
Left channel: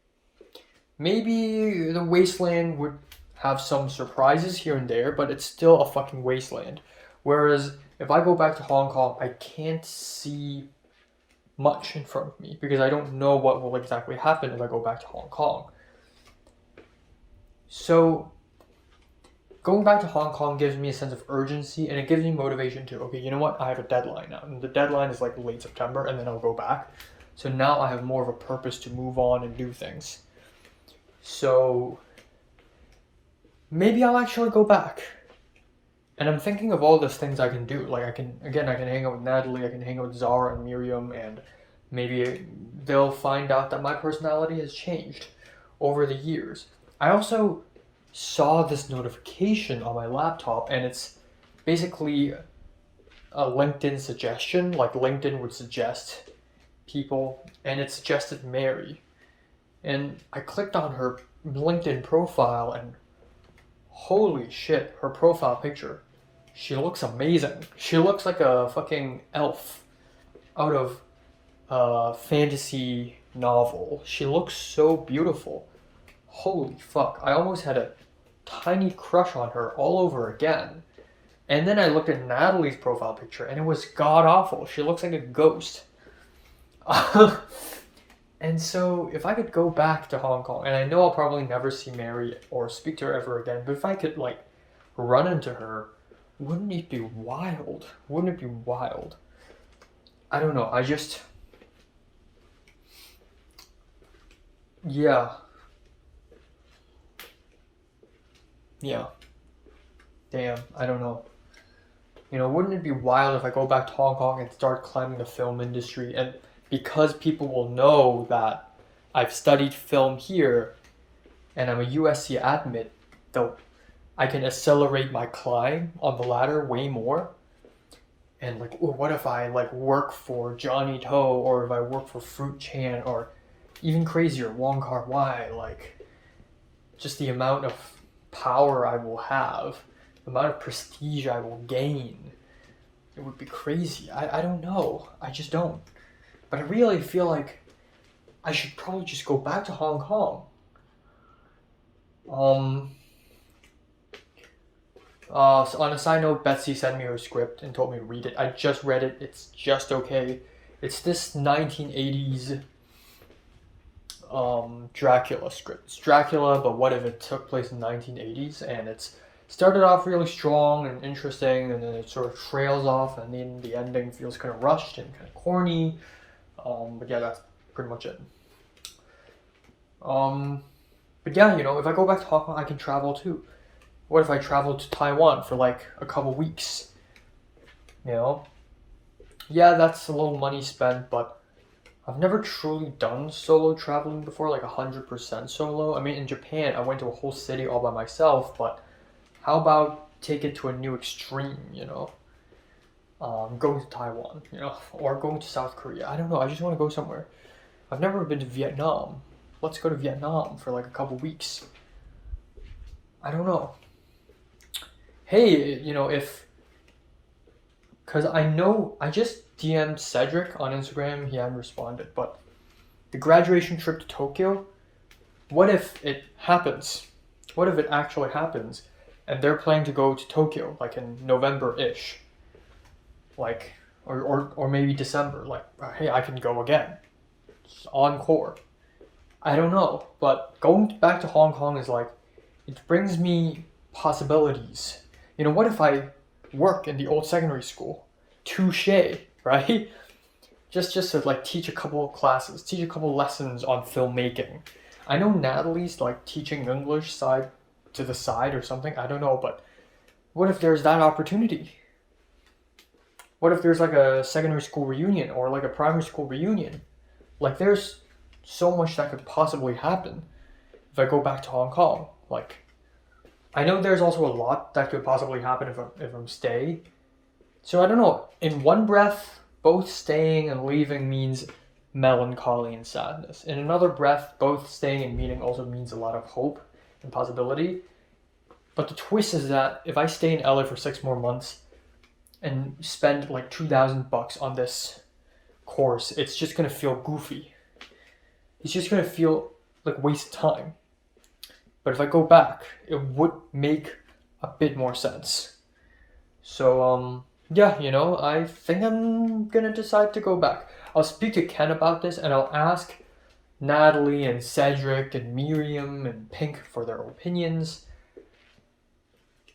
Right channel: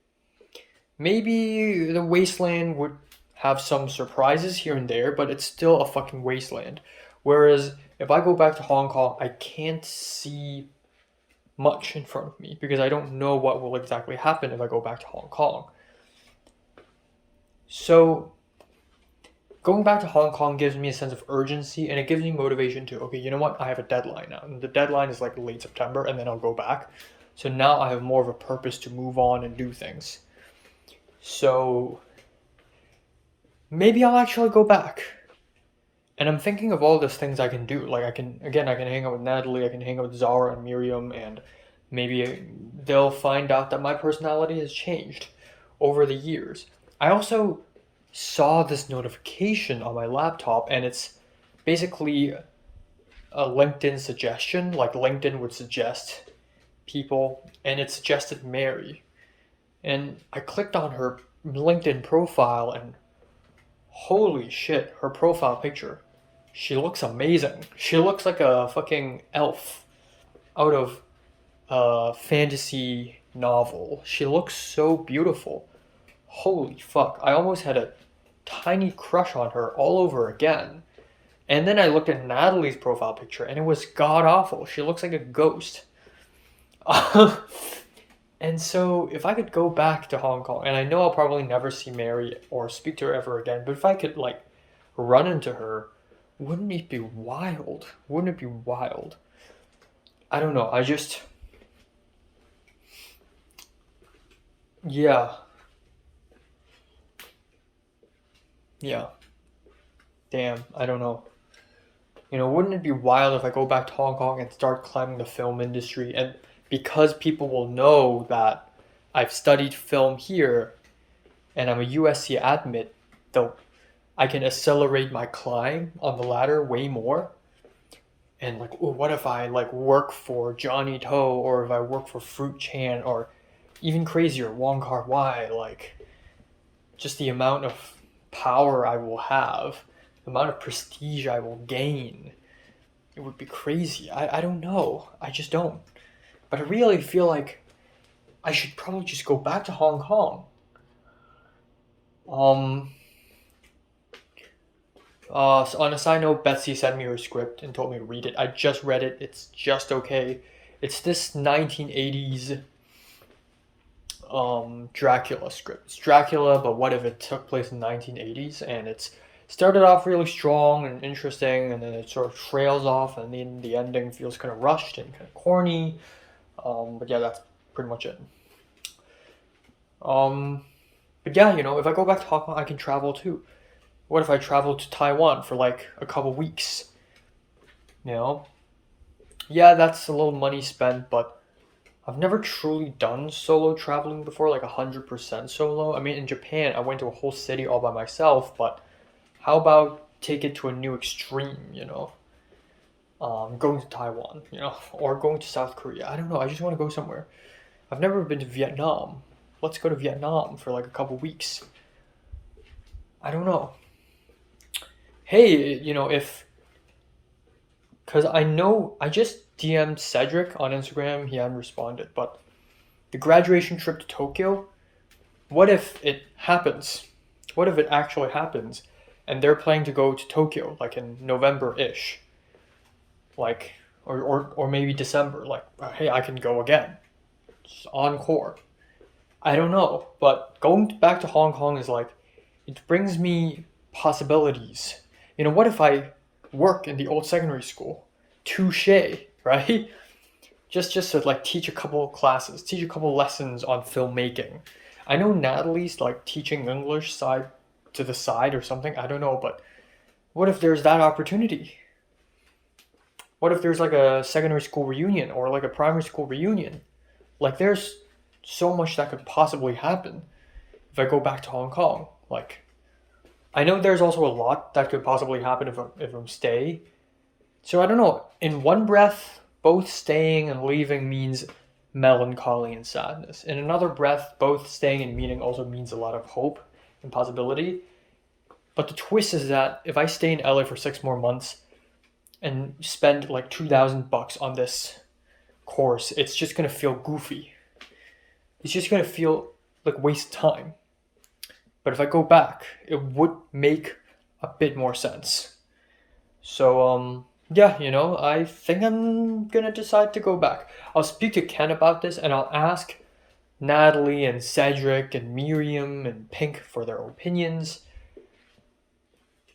Maybe the wasteland would have some surprises here and there, but it's still a fucking wasteland. Whereas if I go back to Hong Kong, I can't see much in front of me because I don't know what will exactly happen if I go back to Hong Kong. So going back to Hong Kong gives me a sense of urgency and it gives me motivation to, okay, you know what? I have a deadline now. And the deadline is like late September and then I'll go back. So now I have more of a purpose to move on and do things. So maybe I'll actually go back. And I'm thinking of all these things I can do. Like I can hang out with Natalie, I can hang out with Zara and Miriam, and maybe they'll find out that my personality has changed over the years. I also saw this notification on my laptop, and it's basically a LinkedIn suggestion. Like LinkedIn would suggest people, and it suggested Mary. And I clicked on her LinkedIn profile, and holy shit, her profile picture. She looks amazing. She looks like a fucking elf out of a fantasy novel. She looks so beautiful. Holy fuck. I almost had a tiny crush on her all over again. And then I looked at Natalie's profile picture and it was god awful. She looks like a ghost. And so if I could go back to Hong Kong, and I know I'll probably never see Mary or speak to her ever again, but if I could like run into her, wouldn't it be wild? Wouldn't it be wild? I don't know. Yeah. Yeah. Damn, I don't know. Wouldn't it be wild if I go back to Hong Kong and start climbing the film industry? And because people will know that I've studied film here and I'm a USC admit, though I can accelerate my climb on the ladder way more. And like, ooh, what if I like work for Johnny To, or if I work for Fruit Chan, or even crazier, Wong Kar Wai? Like, just the amount of power I will have, the amount of prestige I will gain. It would be crazy. I don't know. I just don't. But I really feel like I should probably just go back to Hong Kong. So on a side note, Betsy sent me her script and told me to read it. I just read it. It's just okay. It's this 1980s Dracula script. It's Dracula, but what if it took place in 1980s? And it's started off really strong and interesting, and then it sort of trails off, and then the ending feels kind of rushed and kind of corny. But yeah, that's pretty much it. But yeah, if I go back to Hong Kong, I can travel too. What if I travel to Taiwan for like a couple weeks? Yeah, that's a little money spent, but I've never truly done solo traveling before, like 100% solo. I mean, in Japan, I went to a whole city all by myself, but how about take it to a new extreme, going to Taiwan, or going to South Korea. I don't know. I just want to go somewhere. I've never been to Vietnam. Let's go to Vietnam for like a couple weeks. I don't know. Hey, because I just DM'd Cedric on Instagram. He hadn't responded, but the graduation trip to Tokyo, what if it happens? What if it actually happens? And they're planning to go to Tokyo, like in November-ish. Like, or maybe December. Like, hey, I can go again. Just encore. I don't know, but going back to Hong Kong is like, it brings me possibilities. What if I work in the old secondary school? Touche, right? Just to like teach a couple classes, teach a couple lessons on filmmaking. I know Natalie's like teaching English side to the side or something. I don't know, but what if there's that opportunity? What if there's like a secondary school reunion or like a primary school reunion? Like there's so much that could possibly happen if I go back to Hong Kong. Like, I know there's also a lot that could possibly happen if I'm stay. So I don't know. In one breath, both staying and leaving means melancholy and sadness. In another breath, both staying and meeting also means a lot of hope and possibility. But the twist is that if I stay in LA for 6 more months and spend like $2,000 on this course, it's just gonna feel goofy. It's just gonna feel like waste time. But if I go back, it would make a bit more sense. So yeah, I think I'm gonna decide to go back. I'll speak to Ken about this, and I'll ask Natalie and Cedric and Miriam and Pink for their opinions.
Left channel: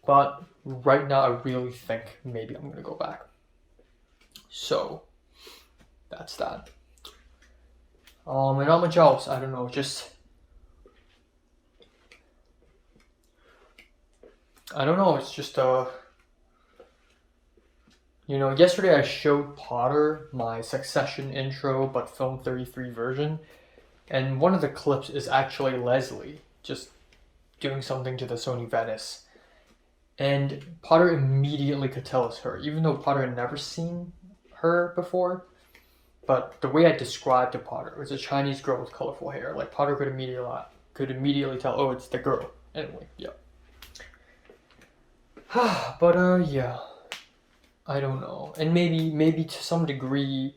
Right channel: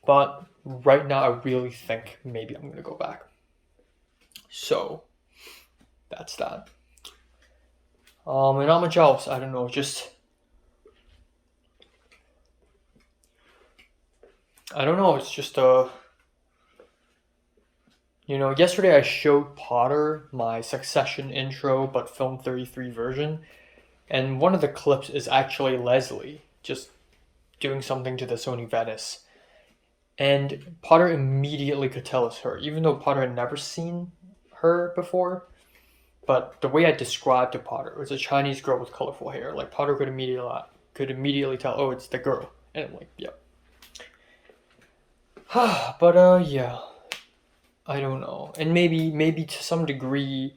But right now, I really think maybe I'm gonna go back. So that's that. And not much else. I don't know. I don't know. It's just You know, yesterday I showed Potter my Succession intro, but film 33 version, and one of the clips is actually Leslie just doing something to the Sony Venice. And Potter immediately could tell it's her, even though Potter had never seen her before. But the way I described to Potter, it was a Chinese girl with colorful hair. Like, Potter could immediately tell, oh, it's the girl. And I'm like, yep. But yeah, I don't know. And maybe to some degree,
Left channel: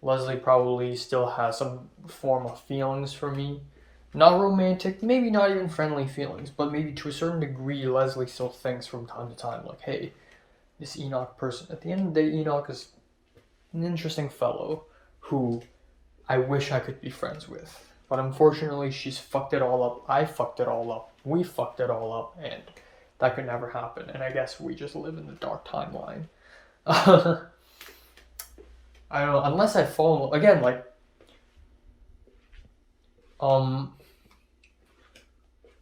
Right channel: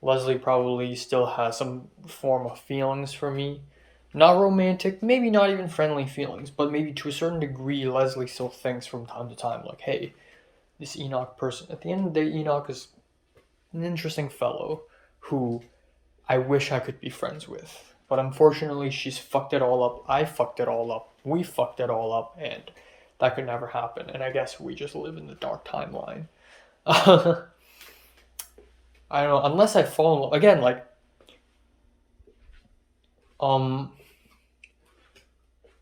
Leslie probably still has some form of feelings for me. Not romantic, maybe not even friendly feelings, but maybe to a certain degree, Leslie still thinks from time to time, like, hey, this Enoch person. At the end of the day, Enoch is an interesting fellow who I wish I could be friends with. But unfortunately, she's fucked it all up. I fucked it all up. We fucked it all up. And that could never happen. And I guess we just live in the dark timeline. I don't know. Unless I fall in love. Again, like,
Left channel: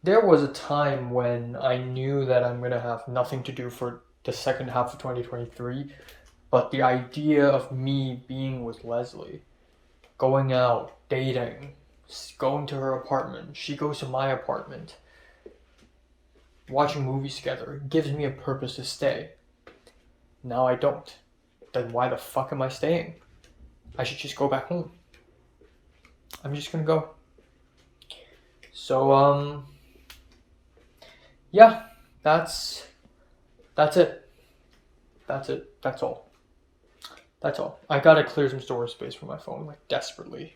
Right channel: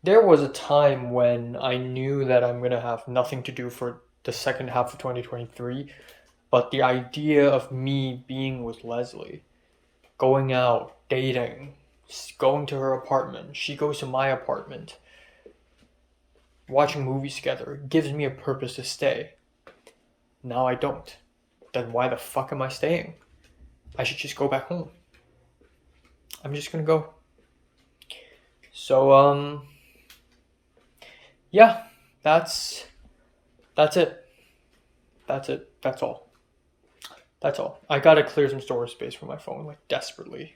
there was a time when I knew that I'm going to have nothing to do for the second half of 2023. But the idea of me being with Leslie, going out, dating, going to her apartment, she goes to my apartment, watching movies together, gives me a purpose to stay. Now I don't. Then why the fuck am I staying? I should just go back home. I'm just gonna go. So, yeah, that's it. That's it. That's all. I gotta clear some storage space for my phone, like, desperately.